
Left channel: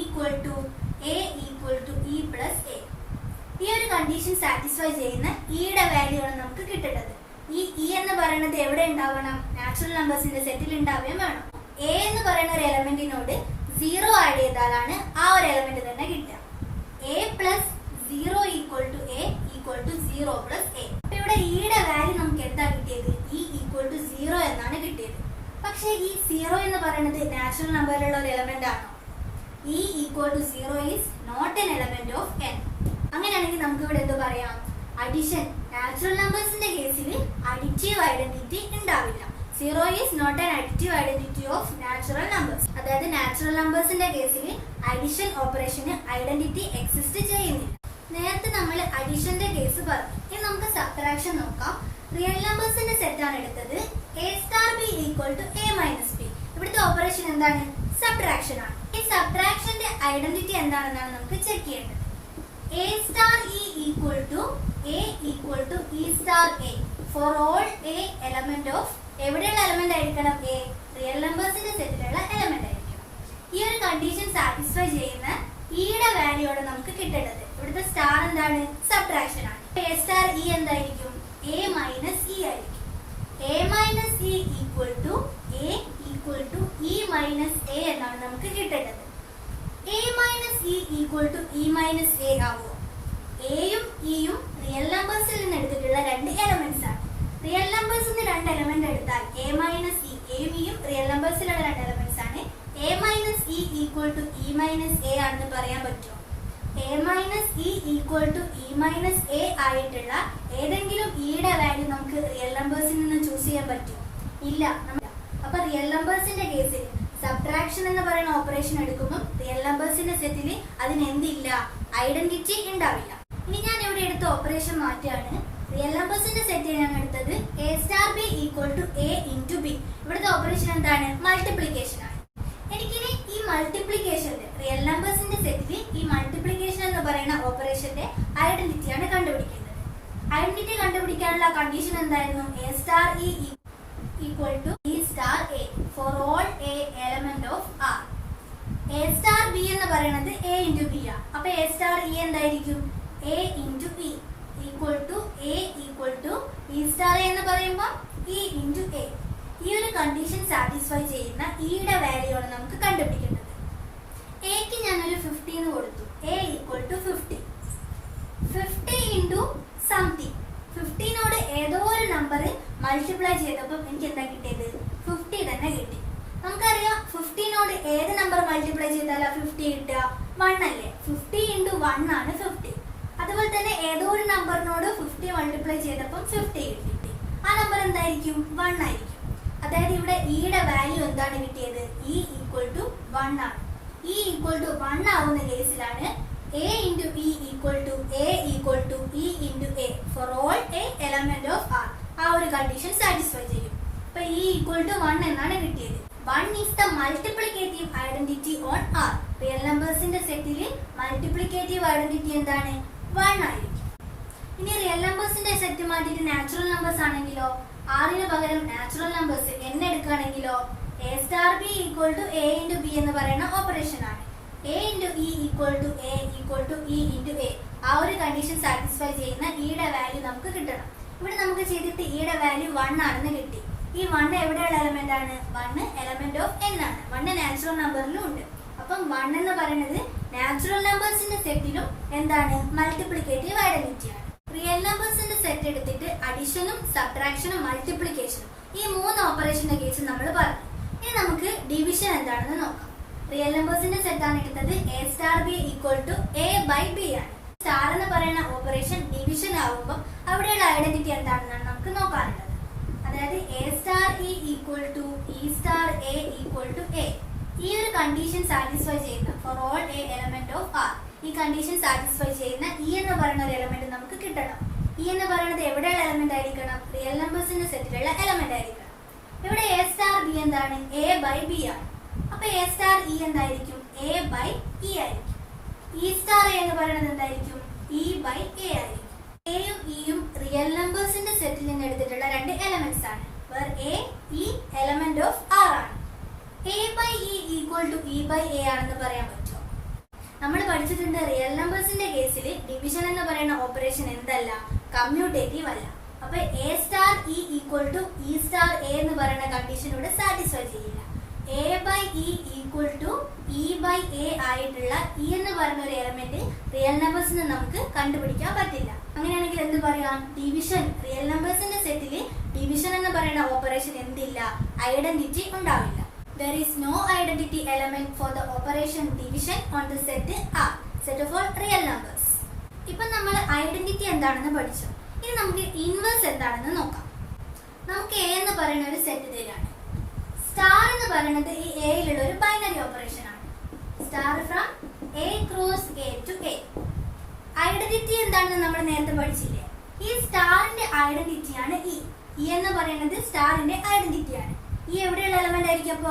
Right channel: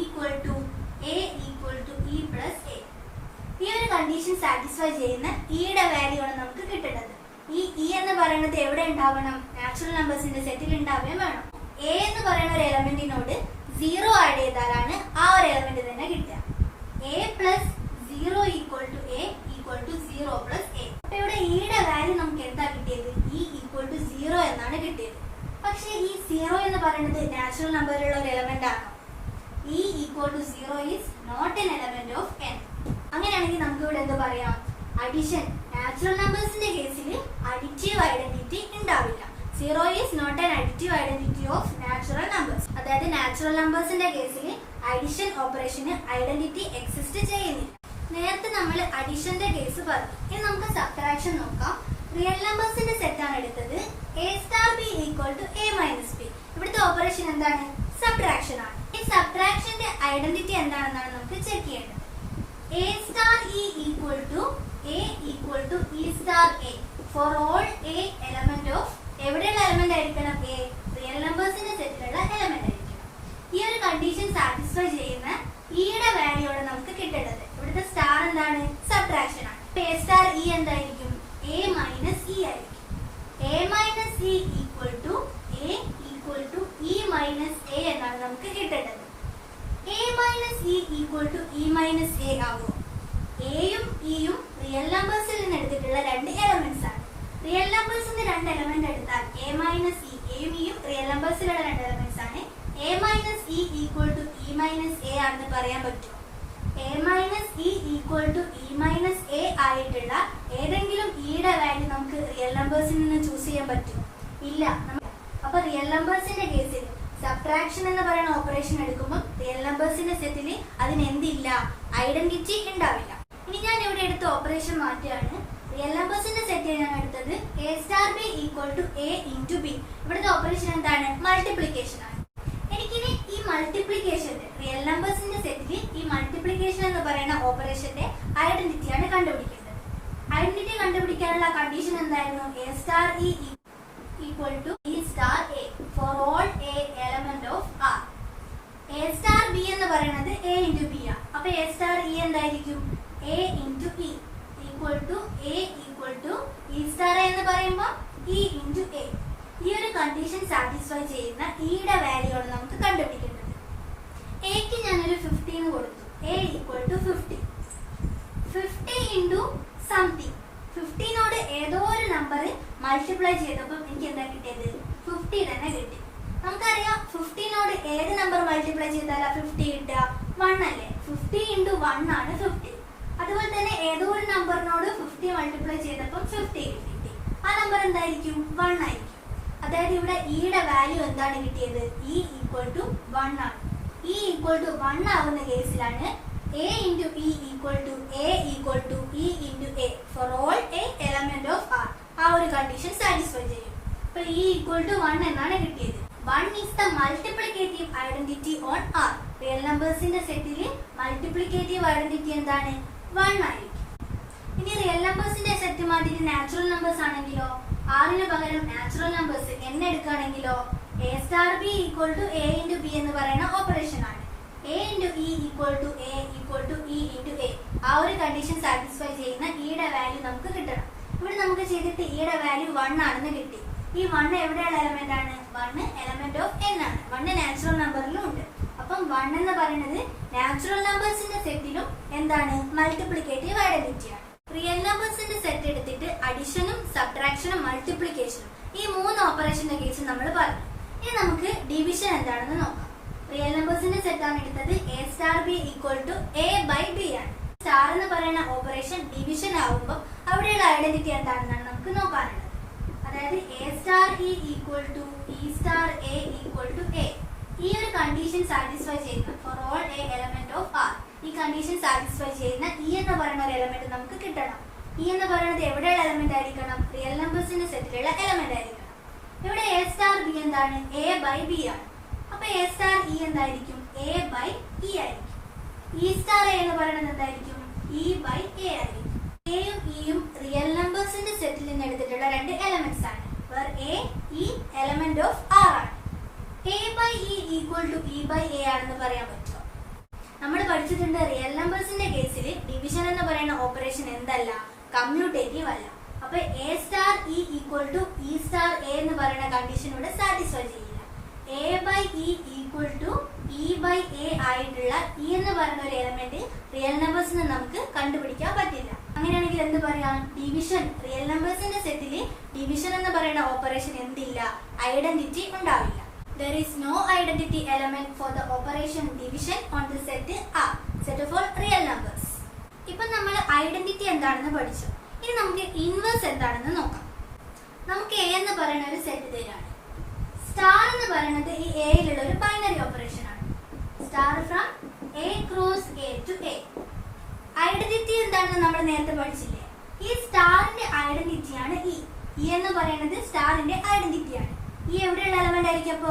equal to A equal to E plus A. ഈ ഒരു കണ്ടീഷൻ സാറ്റിസ്ഫൈ ചെയ്യുന്ന ഇയുടെ വാല്യൂ ആണ് നമുക്ക് കിട്ടേണ്ടത്. ഈ ഇ എന്ന് പറയുന്നത് എവിടെ ഉണ്ടാവണം? നാച്ചുറൽ നമ്പേഴ്സിന്റെ സെറ്റിൽ ഉണ്ടാവുകയും വേണം. എ എന്ന് പറയുന്ന ഒരു എലമെന്റിനോട് 0 ആഡ് ചെയ്താലാണ് ആ ഒരു എലമെന്റ് തന്നെ കിട്ടുക. A plus 0 equal to A equal to 0 plus a. അപ്പൊ ഇവിടെ ഇയുടെ വാല്യൂ നമുക്ക് എന്താ കിട്ടിയത്? ഇ ഈക്വൽ ടു 0 എന്നാണ് കിട്ടിയത്. പക്ഷേ ഈ 0 എന്ന് പറയുന്നത് നാച്ചുറൽ നമ്പറിലുള്ള ഒരു എലമെന്റ് ആണോ? E equal to 0 is not an element of n. അങ്ങനെയാണെങ്കിൽ നമുക്ക് ഇവിടെ എന്ത് പറയാം? അഡിഷൻ. നാച്ചുറൽ നമ്പേഴ്സിന്റെ കേസിൽ അഡിറ്റീവ് ഐഡന്റിറ്റി ഉണ്ടാവില്ല. 0 is not an additive identity of natural numbers. അതായത് നാച്ചുറൽ നമ്പേഴ്സിന്റെ കേസിൽ അഡിഷൻ ഓപ്പറേഷന് ഐഡന്റിറ്റി എക്സിസ്റ്റ് ചെയ്യുന്നില്ല. നേരത്തെ നമ്മൾ അഡിഷന്റെ കേസ് പറഞ്ഞു. ഇനി നമുക്ക് സബ്ട്രാക്ഷൻ നോക്കാം. റിയൽ നമ്പേഴ്സിന്റെ സെറ്റ് ആണ് എടുത്തത്. A star B equal to A minus B. ഇവിടുത്തെ ഓപ്പറേഷൻ എന്താണ്? സബ്ട്രാക്ഷൻ ആണ്. ഈ സബ്ട്രാക്ഷന്റെ ഐഡന്റിറ്റി എന്താണെന്നാണ് നമുക്ക് ചെക്ക് ചെയ്യേണ്ടത്. A star E equal to A equal to E star A for all A element of എവിടെയുള്ള എലമെന്റ് ആയിരിക്കണം? എ. റിയൽ നമ്പേഴ്സിന്റെ സെറ്റിലുള്ള എലമെന്റ് ആയിരിക്കണം. ഈ ഒരു കണ്ടീഷൻ സാറ്റിസ്ഫൈ ചെയ്യുന്ന ഇയുടെ വാല്യൂ ആണ് നമുക്ക് കിട്ടേണ്ടത്. ഇവിടുത്തെ സ്റ്റാർ എന്താണ്? സബ്ട്രാക്ഷൻ ആണ്. എ സ്റ്റാർ ഇ എന്തായിരിക്കും? എ മൈനസ് ഇ ആയിരിക്കും. A minus e equal to A equal to e minus a എന്നാണ് നമുക്ക് കിട്ടേണ്ടത്. A minus e equal to e minus a ആകുമോ? എയും ഇയും റിയൽ നമ്പേഴ്സിൽ നിന്ന് എടുത്തിട്ടുള്ള രണ്ട് എലമെന്റ്സ് ആണ്. റിയൽ നമ്പേഴ്സിന്റെ രണ്ട് എലമെന്റ് എടുത്താൽ എ മൈനസ് ഇ, എയും ഇയും റിയൽ നമ്പേഴ്സിലുള്ള രണ്ട് എലമെന്റ്സ് ആണ്. A minus e equal to e minus a ആണെന്ന് പറയാൻ പറ്റുമോ? A minus e equal to e minus a ആയിട്ടുള്ള ഏതെങ്കിലും ഇയുടെ വാല്യൂ നമുക്ക് റിയൽ നമ്പേഴ്സിൽ നിന്ന് ചൂസ് ചെയ്യാൻ പറ്റുമോ? ഇല്ല. അപ്പൊ റിയൽ നമ്പേഴ്സിന്റെ കേസിൽ സബ്ട്രാക്ഷൻ എന്ന് പറയുന്ന ഓപ്പറേഷൻ എടുക്കുമ്പോൾ റിയൽ നമ്പേഴ്സിന്റെ സെറ്റിൽ അതിന് എന്തില്ല? ഐഡന്റിറ്റി ഉണ്ടാവില്ല. ഇനി ഞാൻ ഇവിടെ എടുത്ത ഓപ്പറേഷൻ മാറ്റുകയാണ്. റിയൽ നമ്പേഴ്സിന്റെ സെറ്റ് ഞാൻ എടുത്തത് A star B equal to a into b. ഇവിടുത്തെ ഓപ്പറേഷൻ എന്താണ്? മൾട്ടിപ്ലിക്കേഷൻ ആണ്. എനിക്കിനി ഈ മൾട്ടിപ്ലിക്കേഷന്റെ റിയൽ നമ്പേഴ്സിന്റെ സെറ്റിൽ ഈ മൾട്ടിപ്ലിക്കേഷൻ എന്ന് പറയുന്ന ഓപ്പറേഷന്റെ ഐഡന്റിറ്റിയാണ് കണ്ടുപിടിക്കേണ്ടത്. ഐഡന്റിറ്റി കണ്ടുപിടിക്കാനുള്ള കണ്ടീഷൻ എന്തായിരുന്നു? A star E equal to E star A for all A element of R. A star B എന്ന് പറയുന്നത് എ ഇൻറ്റു ബി ആണ്. അപ്പൊ എ സ്റ്റാർ ഇ എന്തായിരിക്കും? A into e equal to A equal to E star A എന്ന് പറയുമ്പോൾ ഇ ഇൻറ്റു എ. ഈ ഒരു കണ്ടീഷൻ സാറ്റിസ്ഫൈ ചെയ്യുന്ന ഇയുടെ വാല്യൂ ആണ് നമുക്ക് കണ്ടുപിടിക്കേണ്ടത്. എക്ക് ഞാനൊരു 15 കൊടുത്തു. A equal to 50. 50 into something. 15നോട് ഏതോ ഒരു നമ്പർ മൾട്ടിപ്ലൈ ചെയ്തപ്പോൾ എനിക്ക് എന്താ കിട്ടിയത്? 50 തന്നെ കിട്ടി. നമുക്കറിയാം 15നോട് ഏത് നമ്പർ മൾട്ടിപ്ലൈ ചെയ്താലാ 50 കിട്ടുക? 1 അല്ലേ? 50 ഇൻറ്റു 1 ആണ് 50. അതുപോലെ തന്നെ ഏതോ ഒരു നമ്പറിനോട് 50 മൾട്ടിപ്ലൈ ചെയ്തപ്പോൾ 50 കിട്ടി. ആ നമ്പർ എന്തായിരിക്കും? 1 ആയിരിക്കും. അതായത് ഇവിടെ ഇയുടെ വാല്യൂ എന്താണ് കിട്ടിയത്? ഇ ഈക്വൽ ടു 1 ആണ്. ഇ ഈക്വൽ ടു 1 ആവുന്ന കേസിലാണ് a into e equal to A equal to e into a for all A element of R. ആ ഒരു കണ്ടീഷൻ സാറ്റിസ്ഫൈ ചെയ്യും. അപ്പൊ ഇ ഈക്വൽ ടു 1 എന്നാണ് കിട്ടിയത്. 1 is the multiplicative identity on R. Real നമ്പേഴ്സിന്റെ സെറ്റിൽ മൾട്ടിപ്ലിക്കേറ്റീവ് ഐഡന്റിറ്റി എന്താണ്? 1 ആയിരിക്കും. ഇനി റിയൽ നമ്പേഴ്സിന്റെ സെറ്റ് മാറ്റിയിട്ട് നാച്ചുറൽ നമ്പേഴ്സ് ആണെങ്കിലോ, ആറിന് പകരം നാച്ചുറൽ നമ്പേഴ്സ് n എടുക്കുകയാണെങ്കിലോ a star b equal to a into b എന്ന് പറയുന്ന ഓപ്പറേഷൻ ആണ്. a into e equal to a equal to e into a. ആ ഒരു കണ്ടീഷൻ സാറ്റിസ്ഫൈ ചെയ്യുന്ന ഇയുടെ വാല്യൂ നമുക്ക് കിട്ടണം. ഇവിടെ നമുക്ക് ചെയ്തിട്ട് ഇയുടെ വാല്യൂ 1 ആണെന്ന് കിട്ടി. ഈ 1 എവിടെയുള്ള എലമെന്റ് ആണ്? 1 എലമെന്റ് ഓഫ് n ആണ്. 1 നാച്ചുറൽ നമ്പറിലും ഉണ്ട്. അപ്പം 1 എന്ന് പറയുന്നത് നാച്ചുറൽ നമ്പേഴ്സിന്റെ സെറ്റിലും എന്താണ്? മൾട്ടിപ്ലിക്കേറ്റീവ് ഐഡന്റിറ്റി ആണ്. റിയൽ നമ്പേഴ്സിന്റെ സെറ്റ് എടുത്തിട്ട് അഡിഷനും സബ്ട്രാക്ഷനും മൾട്ടിപ്ലിക്കേഷനും ഈ 3 ഓപ്പറേഷന്റെ കേസ് നമ്മൾ പറഞ്ഞു. ഇനി നമുക്ക് ഡിവിഷൻ എന്താണെന്ന് നോക്കാം. റിയൽ നമ്പേഴ്സിന്റെ സെറ്റ് ആണ് എടുത്തത്. a star b equal to a by b ആണ്. സ്റ്റാർ എന്ന് പറയുന്ന ഓപ്പറേഷൻ ഡിവിഷൻ ആവുമ്പോൾ അവിടെയുള്ള ഐഡന്റിറ്റി എന്താണെന്നാണ് നമുക്ക് നോക്കാനുള്ളത്. അതായത് a star e equal to e star a equal to a. ഈ ഒരു കണ്ടീഷൻ സാറ്റിസ്ഫൈ ചെയ്യുന്ന for all a element of r, ഈ കണ്ടീഷൻ സാറ്റിസ്ഫൈ ചെയ്യുന്ന e എന്ന് പറയുന്ന ഒരു എലമെന്റ് നമുക്ക് കിട്ടണം. e എന്ന് പറയുന്നത് എവിടെയുള്ള എലമെന്റ് ആയിരിക്കണം? റിയൽ നമ്പേഴ്സിന്റെ സെറ്റിലുള്ള എലമെന്റ് ആയിരിക്കണം. ഇവിടെ a സ്റ്റാർ b എന്താണ്? a ബൈ b ആണ്. അപ്പൊ a സ്റ്റാർ e എന്തായിരിക്കും? a ബൈ e ആയിരിക്കും. e സ്റ്റാർ a എന്ന് പറയുന്നത് എന്തായിരിക്കും? e ബൈ a ആയിരിക്കും. a യും e യും റിയൽ നമ്പേഴ്സിന്റെ സെറ്റിൽ നിന്ന് എടുത്തിട്ടുള്ള രണ്ട് എലമെന്റ്സ് ആണ്. Where a e element of r ആണ്. a by e equal to e by a ആണെന്ന് പറയാൻ പറ്റുമോ? നമ്മൾ പഠിച്ചിട്ടുണ്ട് റിയൽ നമ്പേഴ്സിന്റെ കേസിൽ ഡിവിഷൻ എന്ന് പറയുന്ന ഓപ്പറേഷൻ എന്തല്ല? കമ്മ്യൂട്ടേറ്റീവ് അല്ല. അപ്പൊ a star e equal to e star a എന്ന് പറയുന്ന കണ്ടീഷൻ ഇവിടെ സാറ്റിസ്ഫൈ ചെയ്യില്ല. a by e equal to e by a ആയിട്ടുള്ള e എന്ന് പറയുന്ന ഒരു എലമെന്റ് റിയൽ നമ്പേഴ്സിന് നമുക്ക് കണ്ടുപിടിക്കാൻ പറ്റില്ല. അങ്ങനെയാണെങ്കിൽ എന്ത് പറയാം? ഡിവിഷൻ, റിയൽ നമ്പേഴ്സിന്റെ സെറ്റിൽ ഡിവിഷൻ എന്ന് പറയുന്ന ഓപ്പറേഷൻ എന്തില്ല? ഐഡന്റിറ്റി ഉണ്ടാവില്ല. There is no identity element for the operation division on the set R, set of all real numbers. ഇപ്പൊ നമ്മൾ ഐഡന്റിറ്റി എന്താണെന്ന് പഠിച്ചു. ഇനി നമുക്ക് ഇൻവേഴ്സ് എന്താണെന്ന് നോക്കാം. നമുക്ക് a എന്ന് പറയുന്ന ഒരു സെറ്റ് തരാണ്. സ്റ്റാർ എന്ന് പറയുന്നത് ഈ എയിലുള്ള ഒരു ബൈനറി ഓപ്പറേഷൻ ആണ്. Star from a cross a to a. Identity എന്താണെന്ന് നമ്മൾ നേരത്തെ പഠിച്ചില്ലേ? ഈ സ്റ്റാറിന്റെ ഐഡന്റിറ്റി ആണ് e. e എന്ന് പറയുന്നത് സ്റ്റാറിന്റെ ഐഡന്റിറ്റി ആണ്. ഈ എവിടെയുള്ള എലമെന്റ് ആയിരിക്കും? അപ്പോ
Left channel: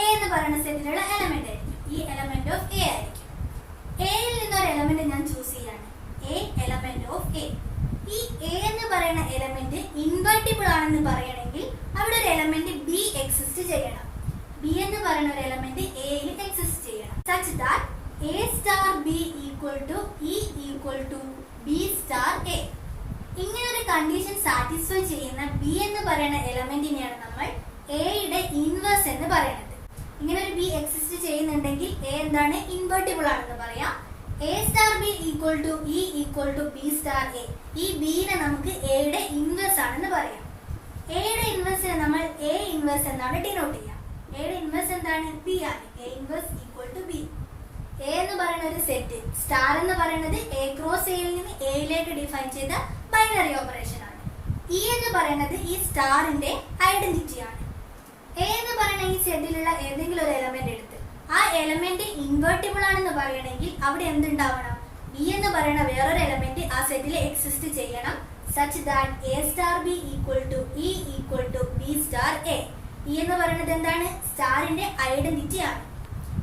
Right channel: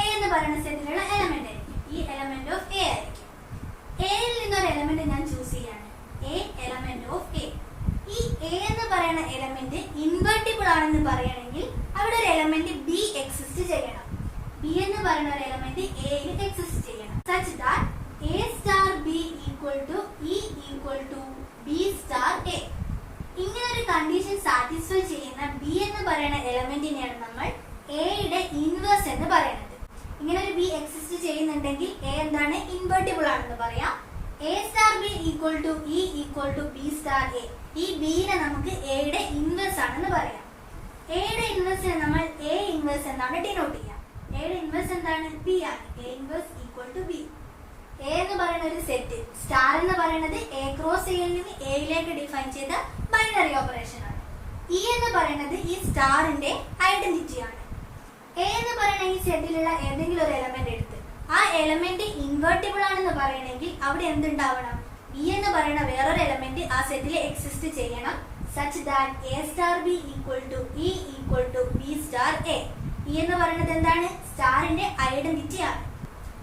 a എന്ന് പറയുന്ന സെറ്റിലുള്ള എലമെന്റ് ആയിരിക്കും. ഈ എലമെന്റ് ഓഫ് a ആയിരിക്കും. എയിൽ നിന്നൊരു എലമെന്റ് ഞാൻ ചൂസ് ചെയ്യാണ്. a element of a. ഈ a എന്ന് പറയുന്ന എലമെന്റ് ഇൻവെർട്ടിബിൾ ആണെന്ന് പറയണമെങ്കിൽ അവിടെ ഒരു എലമെന്റ് b എക്സിസ്റ്റ് ചെയ്യണം. b എന്ന് പറയുന്ന ഒരു എലമെന്റ് a യിൽ എക്സിസ്റ്റ് ചെയ്യണം. such that a star b equal to e equal to b star a. ഇങ്ങനെ ഒരു കണ്ടീഷൻ സാറ്റിസ്ഫൈ ചെയ്യുന്ന b എന്ന് പറയുന്ന എലമെന്റിനെയാണ് നമ്മൾ a യുടെ ഇൻവേഴ്സ് എന്ന് പറയുന്നത്. ഇങ്ങനെ ഒരു b എക്സിസ്റ്റ് ചെയ്യുന്നുണ്ടെങ്കിൽ a എന്താണ്? ഇൻവെർട്ടിബിൾ ആണെന്ന് പറയാം. a star b equal to e equal to b star a. ഈ b നെ നമുക്ക് a യുടെ ഇൻവേഴ്സ് ആണെന്ന് പറയാം. a യുടെ ഇൻവേഴ്സിനെ നമ്മൾ a ഇൻവേഴ്സ് എന്നാണ് ഡിനോട്ട് ചെയ്യാം. a യുടെ ഇൻവേഴ്സ് എന്താണ്? b ആണ്. a inverse equal to b. a എന്ന് പറയുന്ന ഒരു സെറ്റ്, സ്റ്റാർ എന്ന് പറയുന്നത് a ക്രോസ് a യിൽ നിന്ന് a യിലേക്ക് ഡിഫൈൻ ചെയ്ത ബൈനറി ഓപ്പറേഷൻ ആണ്. e എന്ന് പറയുന്നത് ഈ സ്റ്റാറിന്റെ ഐഡന്റിറ്റി ആണ്. a എന്ന് പറയുന്ന ഈ സെറ്റിലുള്ള ഏതെങ്കിലും ഒരു എലമെന്റ് എടുത്ത് ആ എലമെന്റ് ഇൻവെർട്ടിബിൾ ആണെന്ന് പറയണമെങ്കിൽ അവിടെ എന്തുണ്ടാവണം? b എന്ന് പറയുന്ന വേറൊരു എലമെന്റ് ആ സെറ്റിൽ എക്സിസ്റ്റ് ചെയ്യണം. Such that a star b equal to e equal to b star a. e എന്ന് പറയുന്നത് എന്താണ്? സ്റ്റാറിന്റെ ഐഡന്റിറ്റി ആണ്.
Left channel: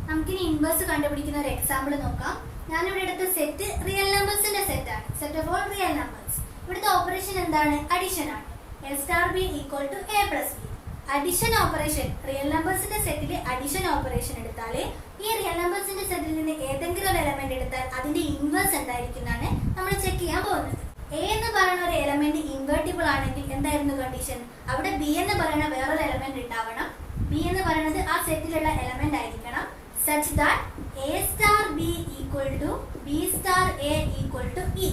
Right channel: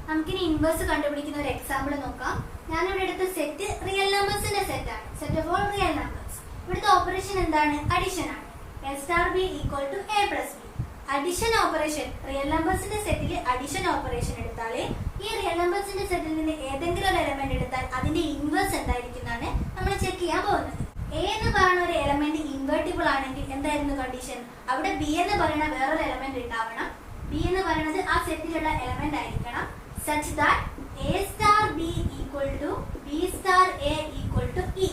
നമുക്കിനി ഇൻവേഴ്സ് കണ്ടുപിടിക്കുന്ന ഒരു എക്സാമ്പിൾ നോക്കാം. ഞാനിവിടെ എടുത്ത സെറ്റ് റിയൽ നമ്പേഴ്സിന്റെ സെറ്റ് ആണ്. Set of all real numbers. ഇവിടുത്തെ ഓപ്പറേഷൻ എന്താണ്? അഡിഷൻ ആണ്. a star b equal to a plus b. Addition operation, real നമ്പേഴ്സിന്റെ സെറ്റിൽ അഡിഷൻ ഓപ്പറേഷൻ എടുത്താൽ ഈ റിയൽ നമ്പേഴ്സിന്റെ സെറ്റിൽ നിന്ന് ഏതെങ്കിലും ഒരു എലമെന്റ് എടുത്താൽ അതിന്റെ ഇൻവേഴ്സ് എന്തായിരിക്കും എന്നാണ് നമ്മൾ ചെക്ക് ചെയ്യാൻ പോകുന്നത്. a എന്ന് പറയുന്ന ഒരു എലമെന്റ് ഇൻവെർട്ടിബിൾ ആണെങ്കിൽ എന്തായിരുന്നു കണ്ടീഷൻ? അവിടെ b എന്ന് പറയുന്ന വേറൊരു എലമെന്റ് ഉണ്ടാവണം. b എന്ന് പറയുന്നത് ആ സെറ്റിലുള്ള എലമെന്റ് ആയിരിക്കണം. such that a star b equal to b star a equal to e.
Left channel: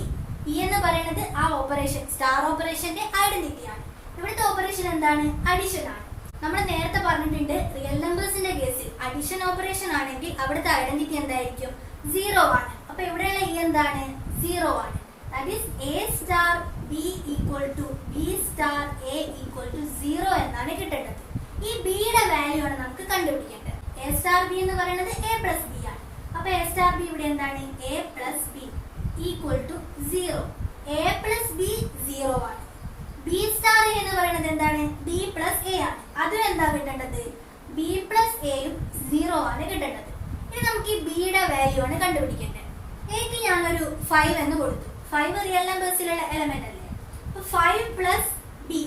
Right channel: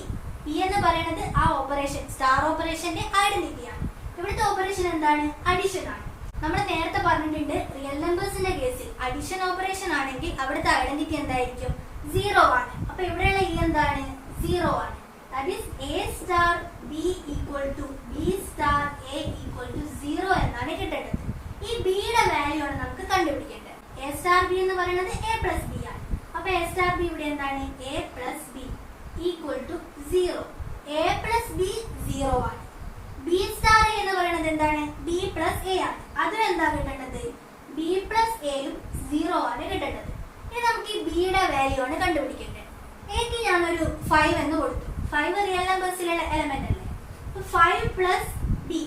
e എന്ന് പറയുന്നത് ആ ഓപ്പറേഷൻ, സ്റ്റാർ ഓപ്പറേഷന്റെ ഐഡന്റിറ്റി ആണ്. ഇവിടുത്തെ ഓപ്പറേഷൻ എന്താണ്? അഡിഷൻ ആണ്. നമ്മൾ നേരത്തെ പറഞ്ഞിട്ടുണ്ട് റിയൽ നമ്പേഴ്സിന്റെ കേസിൽ അഡിഷൻ ഓപ്പറേഷൻ ആണെങ്കിൽ അവിടുത്തെ ഐഡന്റിറ്റി എന്തായിരിക്കും? 0 ആണ്. അപ്പൊ ഇവിടെയുള്ള e എന്താണ്? 0 ആണ്. That is a star b equal to b star a equal to 0 എന്നാണ് കിട്ടേണ്ടത്. ഈ b യുടെ വാല്യൂ ആണ് നമുക്ക് കണ്ടുപിടിക്കേണ്ടത്. a സ്റ്റാർ b എന്ന് പറയുന്നത് a പ്ലസ് b ആണ്. അപ്പൊ a സ്റ്റാർ b ഇവിടെ എന്താണ്? a plus b equal to 0. a plus b 0 ആണ്. b സ്റ്റാർ a എന്ന് പറയുന്നത് എന്താണ്? b പ്ലസ് a ആണ്. അതും എന്താ കിട്ടേണ്ടത്? b പ്ലസ് a യും 0 ആണ് കിട്ടേണ്ടത്. ഇനി നമുക്ക് ഈ b യുടെ വാല്യൂ ആണ് കണ്ടുപിടിക്കേണ്ടത്. a ക്ക് ഞാനൊരു 5 എന്ന് കൊടുത്തു. 5 റിയൽ നമ്പേഴ്സിലുള്ള എലമെന്റ് അല്ലേ. 5 plus b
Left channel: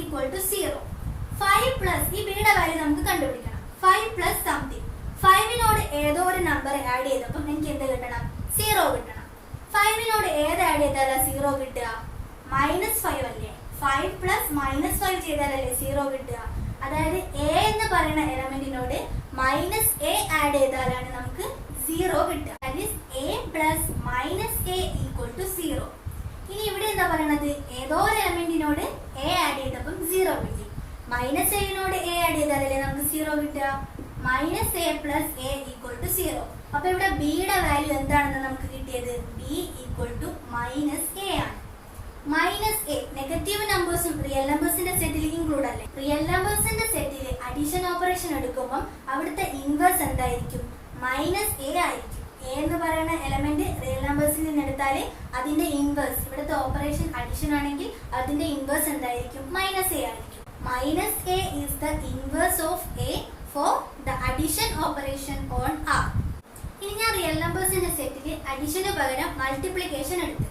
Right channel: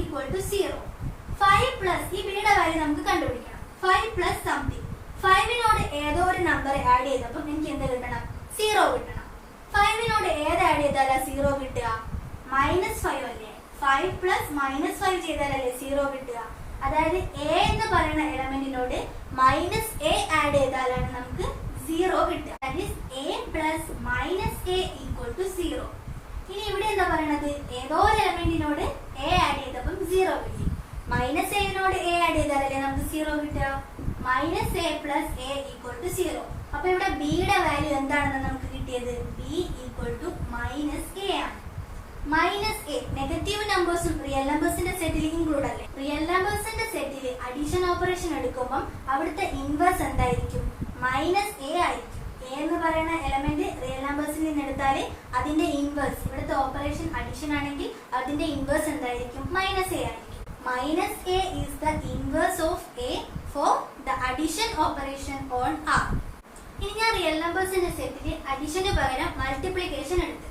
equal to 0. 5 plus ഈ ബിയുടെ വാല്യൂ നമുക്ക് കണ്ടുപിടിക്കണം. 5 പ്ലസ് സംതിങ്. 5നോട് ഏതോ ഒരു നമ്പർ ആഡ് ചെയ്തപ്പോൾ എനിക്ക് എന്ത് കിട്ടണം? 0 കിട്ടണം. 5നോട് ഏത് ആഡ് ചെയ്താലാ 0 കിട്ടുക? -5 അല്ലേ. 5 പ്ലസ് -5 ചെയ്താലല്ലേ 0 കിട്ടുക. അതായത് എ എന്ന് പറയുന്ന എലമെന്റിനോട് -a ആഡ് ചെയ്താലാണ് നമുക്ക് 0 കിട്ടുക. That is a plus -a equal to 0. ഇനി ഇവിടെ എന്താ പറയണത്? ഏതോ ഒരു എലമെന്റിനോട് a ആഡ് ചെയ്തപ്പം 0 കിട്ടി. -aനോട് a ആഡ് ചെയ്താലല്ലേ നമുക്ക് 0 കിട്ടുക. -a plus a equal to 0. അപ്പൊ ഇവിടെ ബിയുടെ വാല്യൂ എന്താണെന്ന് നമുക്ക് കിട്ടിയത്? b ഈക്വൽ ടു -a ആണ്. -a നെഗറ്റീവ് നമ്പേഴ്സും റിയൽ നമ്പേഴ്സിന്റെ സെറ്റിൽ ഇൻക്ലൂഡ് അല്ലേ. റിയൽ നമ്പേഴ്സിന്റെ സെറ്റിൽ അഡീഷൻ ഓപ്പറേഷൻ എടുക്കുമ്പോൾ അവിടുത്തെ ഇൻവേഴ്സ് എന്തായിരിക്കും? -a ആയിരിക്കും. a എന്ന് പറയുന്ന എലമെന്റ് റിയൽ നമ്പേഴ്സിൽ നിന്ന് എടുത്താൽ അതിന്റെ ഇൻവേഴ്സ്, ഇവിടുത്തെ ഓപ്പറേഷൻ അഡീഷൻ ആണെങ്കിൽ അതിന്റെ ഇൻവേഴ്സ് എന്തായിരിക്കും? -a ആയിരിക്കും. -a is the inverse of a for the addition operation on R. ഇനി ഞാൻ റിയൽ നമ്പേഴ്സിന്റെ സെറ്റിൽ അഡീഷന് പകരം മൾട്ടിപ്ലിക്കേഷൻ എടുത്ത്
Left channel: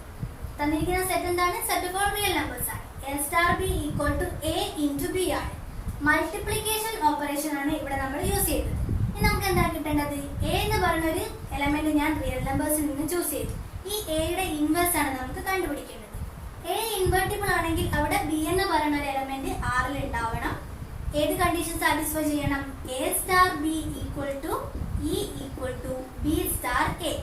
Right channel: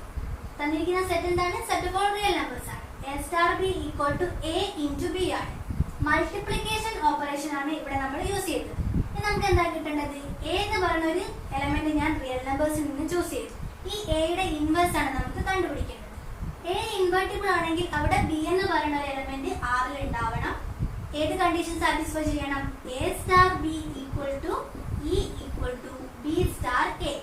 തന്നിരിക്കുന്ന സെറ്റ് എന്താണ്? Set of all real numbers ആണ്. a star b equal to a into b ആണ്. മൾട്ടിപ്ലിക്കേഷൻ ഓപ്പറേഷൻ ആണ് ഇവിടെ നമ്മൾ യൂസ് ചെയ്തത്. ഇനി നമുക്ക് എന്താ കിട്ടേണ്ടത്? a എന്ന് പറയുന്ന ഒരു എലമെന്റ് ഞാൻ റിയൽ നമ്പേഴ്സിൽ നിന്ന് ചൂസ് ചെയ്തു. ഈ എയുടെ ഇൻവേഴ്സ് ആണ് നമുക്ക് കണ്ടുപിടിക്കേണ്ടത്. a ഇൻവെർട്ടിബിൾ ആണെങ്കിൽ അവിടെ b എന്ന് പറയുന്ന ഒരു എലമെന്റ് R ഉണ്ടാവണം. ഏത് കണ്ടീഷൻ സാറ്റിസ്ഫൈ ചെയ്യണം? a star b equal to e equal to b star a.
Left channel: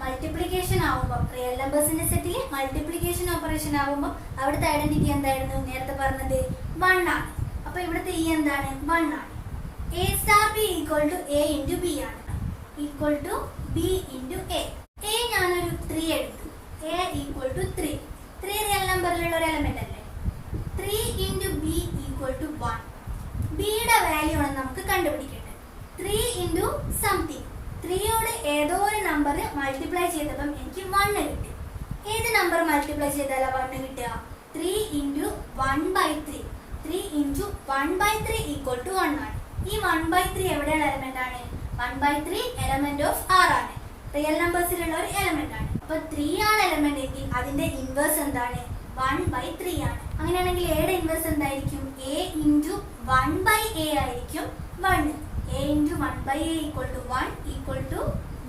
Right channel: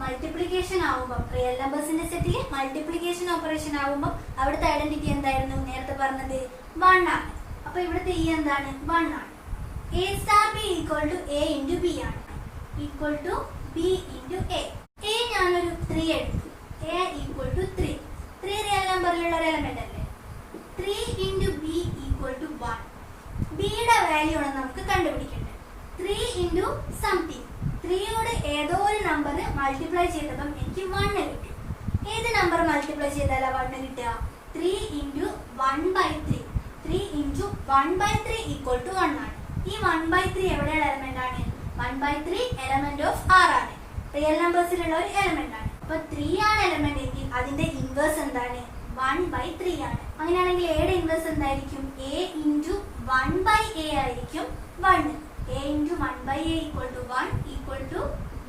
Multiplication ആവുമ്പോൾ റിയൽ നമ്പേഴ്സിന്റെ സെറ്റിൽ മൾട്ടിപ്ലിക്കേഷൻ ഓപ്പറേഷൻ ആവുമ്പോൾ അവിടുത്തെ ഐഡന്റിറ്റി എന്തായിരുന്നു? നേരത്തെ പറഞ്ഞത് 1 ആണ്. അപ്പൊ ഇവിടുത്തെ e എന്താണ്? 1 ആണ്. a star b equal to a into b ആണ്. Equal to b into a. a ഞാനൊരു 3 എടുത്തു. a equal to 3. 3 റിയൽ നമ്പറിലുള്ള ഒരു എലമെന്റ് അല്ലേ. 3 ഇൻറ്റു b ഈക്വൽ ടു 1. ബിയുടെ വാല്യൂ ആണ് നമുക്ക് കണ്ടുപിടിക്കേണ്ടത്. 3 ഇൻറ്റു സംതിങ്. 3യോട് ഏതോ ഒരു നമ്പർ മൾട്ടിപ്ലൈ ചെയ്തപ്പം എനിക്ക് 1 കിട്ടി. ഏത് നമ്പർ മൾട്ടിപ്ലൈ ചെയ്താലാ 1 കിട്ടുക? 3 ഇൻറ്റു 1/3. 3 ഇൻറ്റു 1/3 ഈക്വൽ ടു 1 ആണ്. ഈ 1/3 എവിടെയുള്ള എലമെന്റ് ആണ്? 1/3 എലമെന്റ് ഓഫ് R ആണ്. റിയൽ നമ്പേഴ്സിലുള്ള ഒരു എലമെന്റ് ആണ്. അപ്പൊ 3 ആണ് എലമെന്റ് എങ്കിൽ അതിന്റെ ഇൻവേഴ്സ് എന്താണ്? 1/3 ആണ്. അങ്ങനെയാണെങ്കിൽ എയുടെ ഇൻവേഴ്സ് എന്തായിരിക്കും? a ഇൻറ്റു 1/a ആയിരിക്കും 1. a into 1/a equal to 1 equal to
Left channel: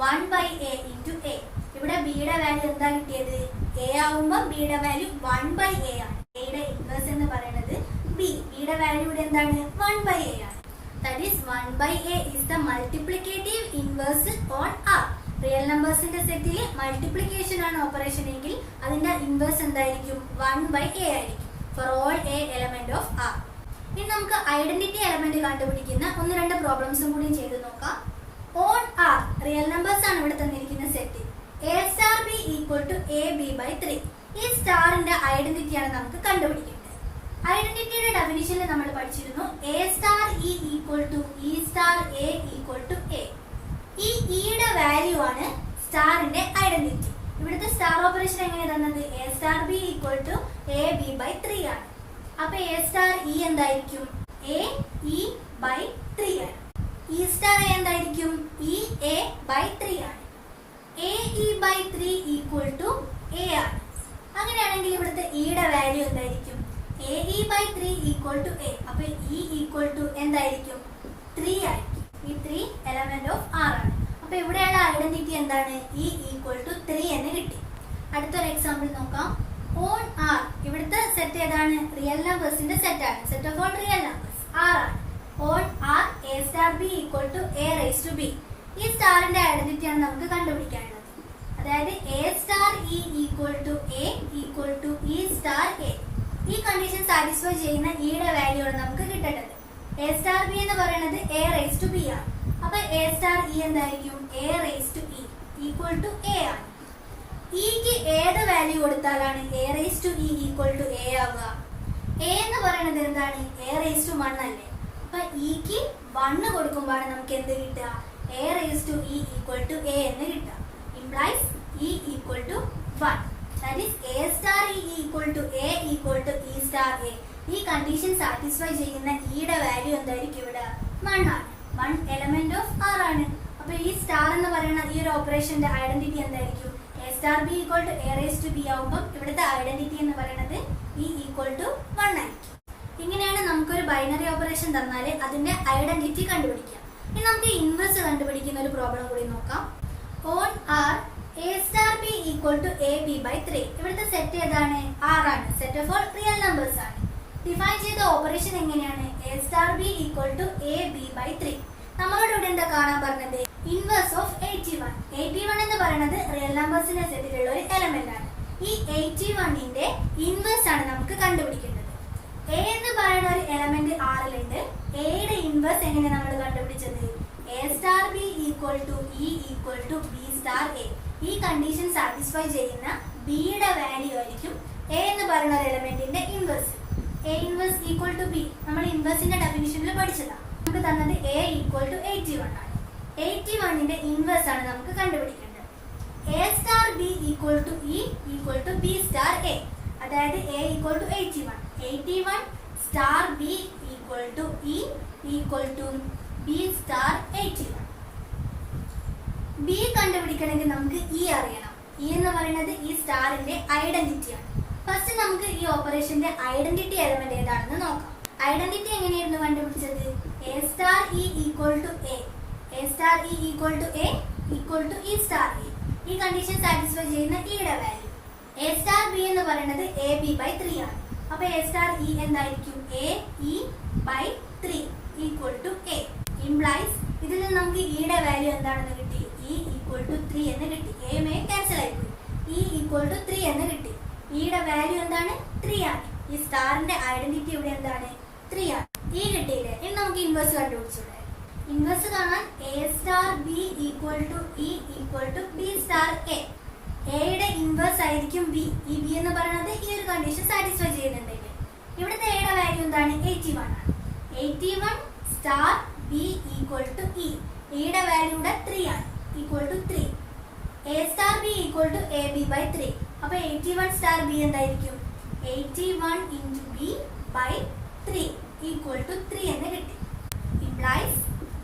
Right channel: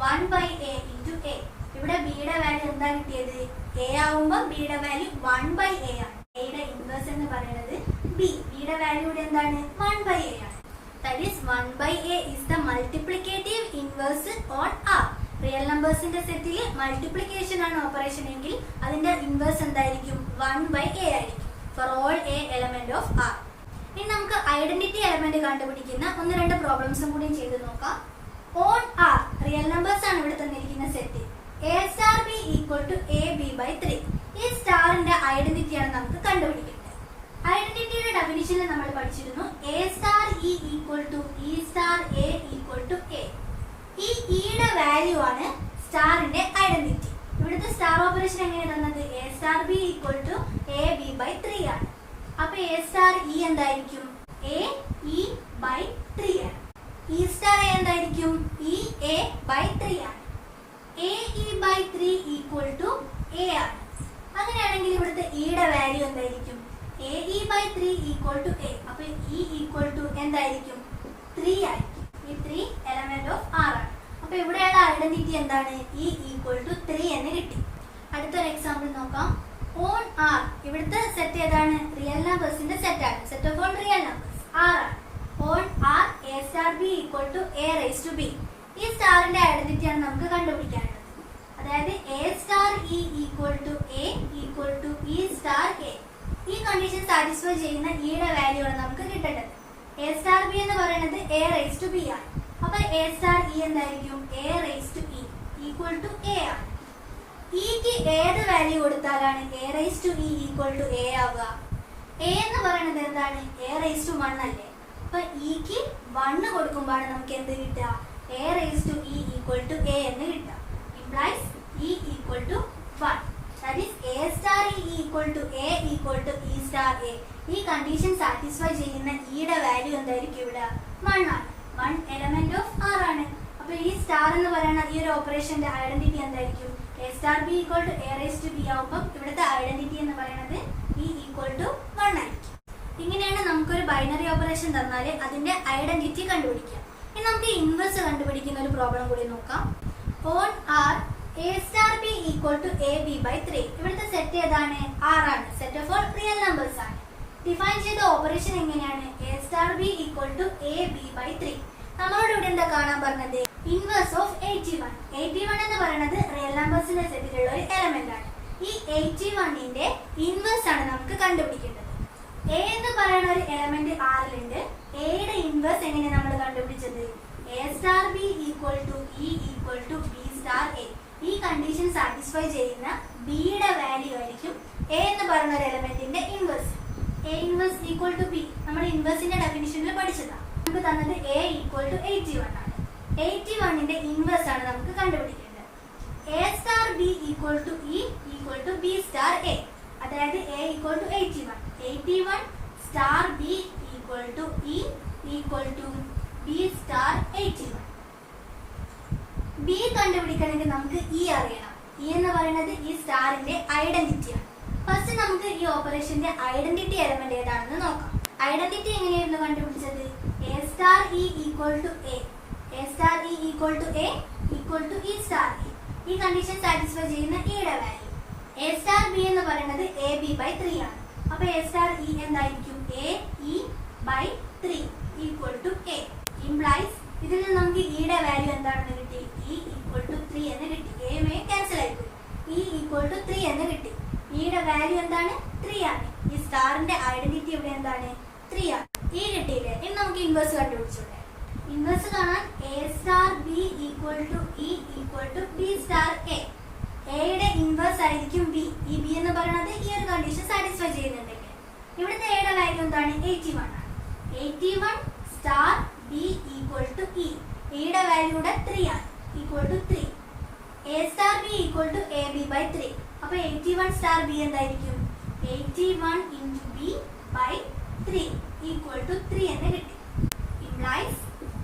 1/a into a. ഇവിടെ ബിയുടെ വാല്യൂ എന്താ കിട്ടിയത്? a ആവുമ്പോൾ ബിയുടെ വാല്യൂ 1/a ആണ്. എയുടെ ഇൻവേഴ്സ് എന്ന് പറയുന്നത് ബിയുടെ വാല്യൂ ഇവിടെ എന്താണ്? 1/a ആണ്. That is 1/a is the multiplicative inverse on R. Real നമ്പേഴ്സിന്റെ സെറ്റിൽ മൾട്ടിപ്ലിക്കേഷൻ ആണ് ഓപ്പറേഷൻ എങ്കിൽ അതിന്റെ ഇൻവേഴ്സ് എന്തായിരിക്കും? 1/a ആയിരിക്കും for all a element of R. ഇനി നമുക്ക് ഐഡന്റിറ്റി എലമെന്റ് കണ്ടുപിടിക്കുന്ന 1-2 പ്രോബ്ലംസും കൂടി ചെയ്ത് നോക്കാം. ഓൺ R റിയൽ നമ്പേഴ്സ് ആണ് ഇവിടെ തന്നിരിക്കുന്ന set. a star b equal to ab/3. ഈ സ്റ്റാറിന്റെ ഐഡന്റിറ്റി ആണ് നമുക്ക് കണ്ടുപിടിക്കേണ്ടത്. ഐഡന്റിറ്റിയുടെ ഡെഫിനിഷനിൽ നമ്മൾ പഠിച്ചിരുന്നു a star e equal to e star a equal to a. ഈ ഇയുടെ വാല്യൂ ആണ് സ്റ്റാറിന്റെ ഐഡന്റിറ്റി. ഇവിടുത്തെ സ്റ്റാർ ഓപ്പറേഷൻ എങ്ങനെ തന്നത്? a star b equal to ab/3 ആണ്. അപ്പൊ a star e എന്തായിരിക്കും? ae/3 ആണ്. e star a എന്തായിരിക്കും? ea/3 ആണ്. ae/3 ഈക്വൽ ടു a ആണ്. അങ്ങനെയാണെങ്കിൽ ഇവിടുത്തെ ഇയുടെ വാല്യൂ എന്തായിരിക്കും? ae/3 equal to a. അപ്പൊ e ഈക്വൽ ടു എന്തായിരിക്കും? 3 ആയിരിക്കും. ഈ 3 എലമെന്റ് ഓഫ് R ആണ്. അപ്പൊ ഇവിടെയുള്ള ഐഡന്റിറ്റി എന്താണ്? e ഈക്വൽ ടു 3 എന്ന് കിട്ടി. അടുത്തൊരു എക്സാമ്പിൾ നോക്കാം. ഓൺ R ഇവിടുത്തെ സെറ്റ് ഏതാണ്? റിയൽ നമ്പേഴ്സിന്റെ സെറ്റ് ആണ്. Set of all real numbers R ആണ്. On R a star b equal to a raised to b. ഈ സ്റ്റാറിന്റെ ഐഡന്റിറ്റി ആണ് നമുക്ക് കണ്ടുപിടിക്കേണ്ടത്. അതായത് a star e equal to a equal to e star a. ഈ കണ്ടീഷൻ സാറ്റിസ്ഫൈ ചെയ്യുന്ന ഇയുടെ വാല്യൂ ആണ് നമുക്ക് കിട്ടേണ്ടത്. a star b എന്ന് പറയുന്നത് a raised to b ആണ്. അപ്പൊ a star e എന്തായിരിക്കും? a raised to e equal to a ആണ്. ഇക്ക് ഏത് വാല്യൂ കൊടുത്താലാണ് a raised to e equal to a ആവുക? a എന്ന് പറയുന്നത് എന്താണ്? a raised to 1 അല്ലേ. അപ്പൊ ഇക്ക് 1 കൊടുക്കുമ്പോഴാണ് നമുക്ക് എന്ത് കിട്ടുക? a raised to e equal to a എന്ന് കിട്ടുക. Implies e equal to 1. That is a star e equal to a equal to e star a. ഈ കണ്ടീഷൻ സാറ്റിസ്ഫൈ ചെയ്യുന്ന ഇയുടെ വാല്യൂ എന്തായിരിക്കും? ഇവിടെ 1 ആണ്. 1 എലമെന്റ് ഓഫ് R ആണ്. അപ്പൊ ഈ സ്റ്റാർ എന്ന് പറയുന്ന ഈ ഒരു ഓപ്പറേഷന്റെ ഐഡന്റിറ്റി എന്തായിരിക്കും? a star b equal to a raised to b ആവുമ്പോൾ ഇവിടുത്തെ ഐഡന്റിറ്റി എന്ന് പറയുന്നത് e equal to 1 ആയിരിക്കും. ഇങ്ങനെയാണ് നമുക്കൊരു ബൈനറി ഓപ്പറേഷൻ തന്നാൽ അതിന്റെ ഐഡന്റിറ്റി കണ്ടുപിടിക്കാം. ഇനി നമുക്ക് ഇൻവേഴ്സ് കണ്ടുപിടിക്കുന്ന ഒരു പ്രോബ്ലം കൂടി നോക്കാം. On R a star b equal to ab by 3. ഇവിടുത്തെ സെറ്റ് ഏതാണ്? r ആണ്. Set of all real numbers ആണ്. ഡിഫൈൻ ചെയ്ത ഓപ്പറേഷൻ എങ്ങനെയാണ്? a star b equal to ab by 3. നമ്മളോട് ഇവിടെ എന്താ കാണാൻ പറഞ്ഞത്? Inverse of 81. 81 എന്ന് പറയുന്നത് റിയൽ നമ്പേഴ്സിന്റെ സെറ്റിലുള്ള ഒരു എലമെന്റ് ആണ്. ഈ 81ന്റെ ഇൻവേഴ്സ് ആണ് നമുക്ക് കണ്ടുപിടിക്കേണ്ടത്. a എന്ന് പറയുന്ന ഒരു എലമെന്റ് r ലുണ്ട്. a യുടെ ഇൻവേഴ്സ് എങ്ങനെ നമ്മൾ കണ്ടുപിടിച്ചത്? a star b equal to e equal to b star a. ഈ കണ്ടീഷൻ സാറ്റിസ്ഫൈ ചെയ്യുന്ന b യുടെ വാല്യൂ ആയിരിക്കും a എന്ന് പറയുന്ന ഒരു എലമെന്റിന്റെ inverse. a inverse equal to b നമ്മൾ ഇൻവേഴ്സിന്റെ ഡെഫിനിഷനിൽ പഠിച്ചതാണ്. നമുക്ക് തന്നത് a ഈക്വൽ ടു 81 ആണ്. 81ന്റെ ഇൻവേഴ്സ് ആണ് നമുക്ക് കണ്ടുപിടിക്കേണ്ടത്. a star b equal to e equal to b star a. അതായത് a equal to 81. 81 star b equal to e equal to b star 81. b കണ്ടുപിടിക്കണമെങ്കിൽ നമുക്ക് e അറിയണം. e എന്ന് പറയുന്നത് ഈ സ്റ്റാറിന്റെ ഐഡന്റിറ്റി ആണ്. ഫസ്റ്റ് നമുക്ക് ഈ ഓപ്പറേഷന്റെ ഐഡന്റിറ്റി എലമെന്റ് ഏതാണെന്ന് നോക്കാം. ഐഡന്റിറ്റി എങ്ങനെയായിരുന്നു കണ്ടുപിടിച്ചത്? a star e equal to a. a star e equal to a equal to e star e. ഈ കണ്ടീഷൻ സാറ്റിസ്ഫൈ ചെയ്യുന്ന e യുടെ വാല്യൂ. a സ്റ്റാർ b എന്ന് പറയുന്നത് ab by 3 ആണ്. അപ്പൊ a സ്റ്റാർ e എന്തായിരിക്കും? a e by 3 equal to a. Implies ഇതിൽ നിന്ന് നമുക്ക് e യുടെ വാല്യൂ എന്താണെന്ന് കിട്ടി? e ഈക്വൽ ടു 3 എന്ന് കിട്ടി. a മേ ക്യാൻസൽ ആയിപ്പോയി. e ഈക്വൽ ടു 3 എന്ന് കിട്ടി. e യുടെ വാല്യൂ എന്താണ്? 3 ആണ്. ഈ സ്റ്റാറിന്റെ ഐഡന്റിറ്റി ഇവിടെ എന്താണ്? 3 ആണ്. e കിട്ടിയില്ലേ? ഇനി നമുക്ക് ഇൻവേഴ്സ് കണ്ടുപിടിച്ചൂടെ? ഇൻവേഴ്സ് കാണാൻ a star b equal to e equal to b star a. a യുടെ ഇൻവേഴ്സ് ആയിരിക്കും b. ഈ b എന്ന് പറയുന്നത് ഈ ഒരു കണ്ടീഷൻ സാറ്റിസ്ഫൈ ചെയ്യുന്നുണ്ടെങ്കിൽ ഇവിടുത്തെ a യുടെ വാല്യൂ എന്താണ്? 81 ആണ്. 81 star b equal to e. e യുടെ വാല്യൂ ഇവിടെ 3 ആണ്. Equal to 3. a star b equal to ab by 3. അപ്പൊ 81 സ്റ്റാർ b എന്തായിരിക്കും? 81 into b by 3 equal to 3 എന്ന് കിട്ടി. Implies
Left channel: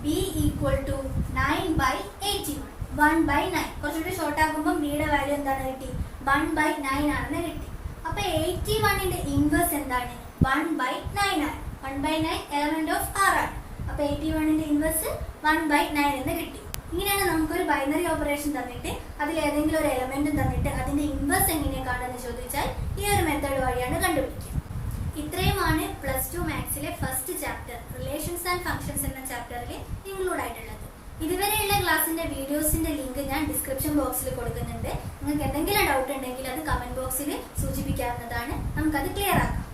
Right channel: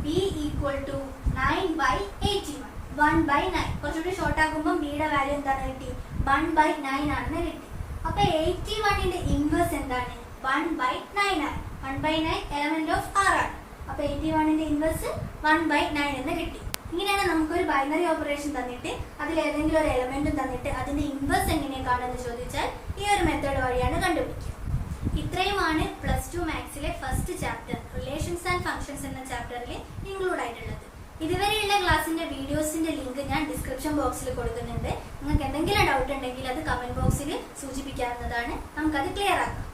b equal to 9 by 81. 1 by 9 കുറച്ചുകൂടി ഷോർട്ട് ആക്കുമ്പോൾ b യുടെ വാല്യൂ എന്താണ് കിട്ടി? 1 by 9 ആണെന്ന് കിട്ടി. അപ്പൊ 81ന്റെ ഇൻവേഴ്സ് എന്താണ്? 1 by 9 ആണ്. 1 by 9 എലമെന്റ് ഓഫ് r ആണ്. അപ്പൊ 81ന്റെ ഇൻവേഴ്സ് 1 by 9 എന്ന് കിട്ടി. ഇങ്ങനെയാണ് നമുക്കൊരു ബൈനറി ഓപ്പറേഷൻ തന്നിട്ട് അതിൽ ഏതെങ്കിലും ഒരു എലമെന്റും തന്നിട്ട് അതിന്റെ ഇൻവേഴ്സ് എങ്ങനെയാണ് കാണുന്നത് ചോദിച്ചാൽ ഈ ഒരു മെത്തേഡ് വഴിയാണ് കണ്ടുപിടിക്കുക. ഇത്രയുമാണ് +2 മാത്സിലെ first chapter relations and functions എന്ന ചാപ്റ്ററിൽ ഇൻക്ലൂഡ് ആയിട്ടുള്ളത്. ഇതുവരെയുള്ള ക്ലാസിന്റെ വീഡിയോസിന്റെ ലിങ്ക് ഞാൻ ഡിസ്ക്രിപ്ഷൻ ബോക്സിൽ കൊടുക്കുന്നുണ്ട്. നിങ്ങൾക്ക് എന്തെങ്കിലും ഡൗട്ട് ഉണ്ടെങ്കിൽ അത് കമന്റ് ബോക്സിൽ സൂചിപ്പിക്കാവുന്നതാണ്. നമുക്കത് ക്ലിയർ ആക്കാം.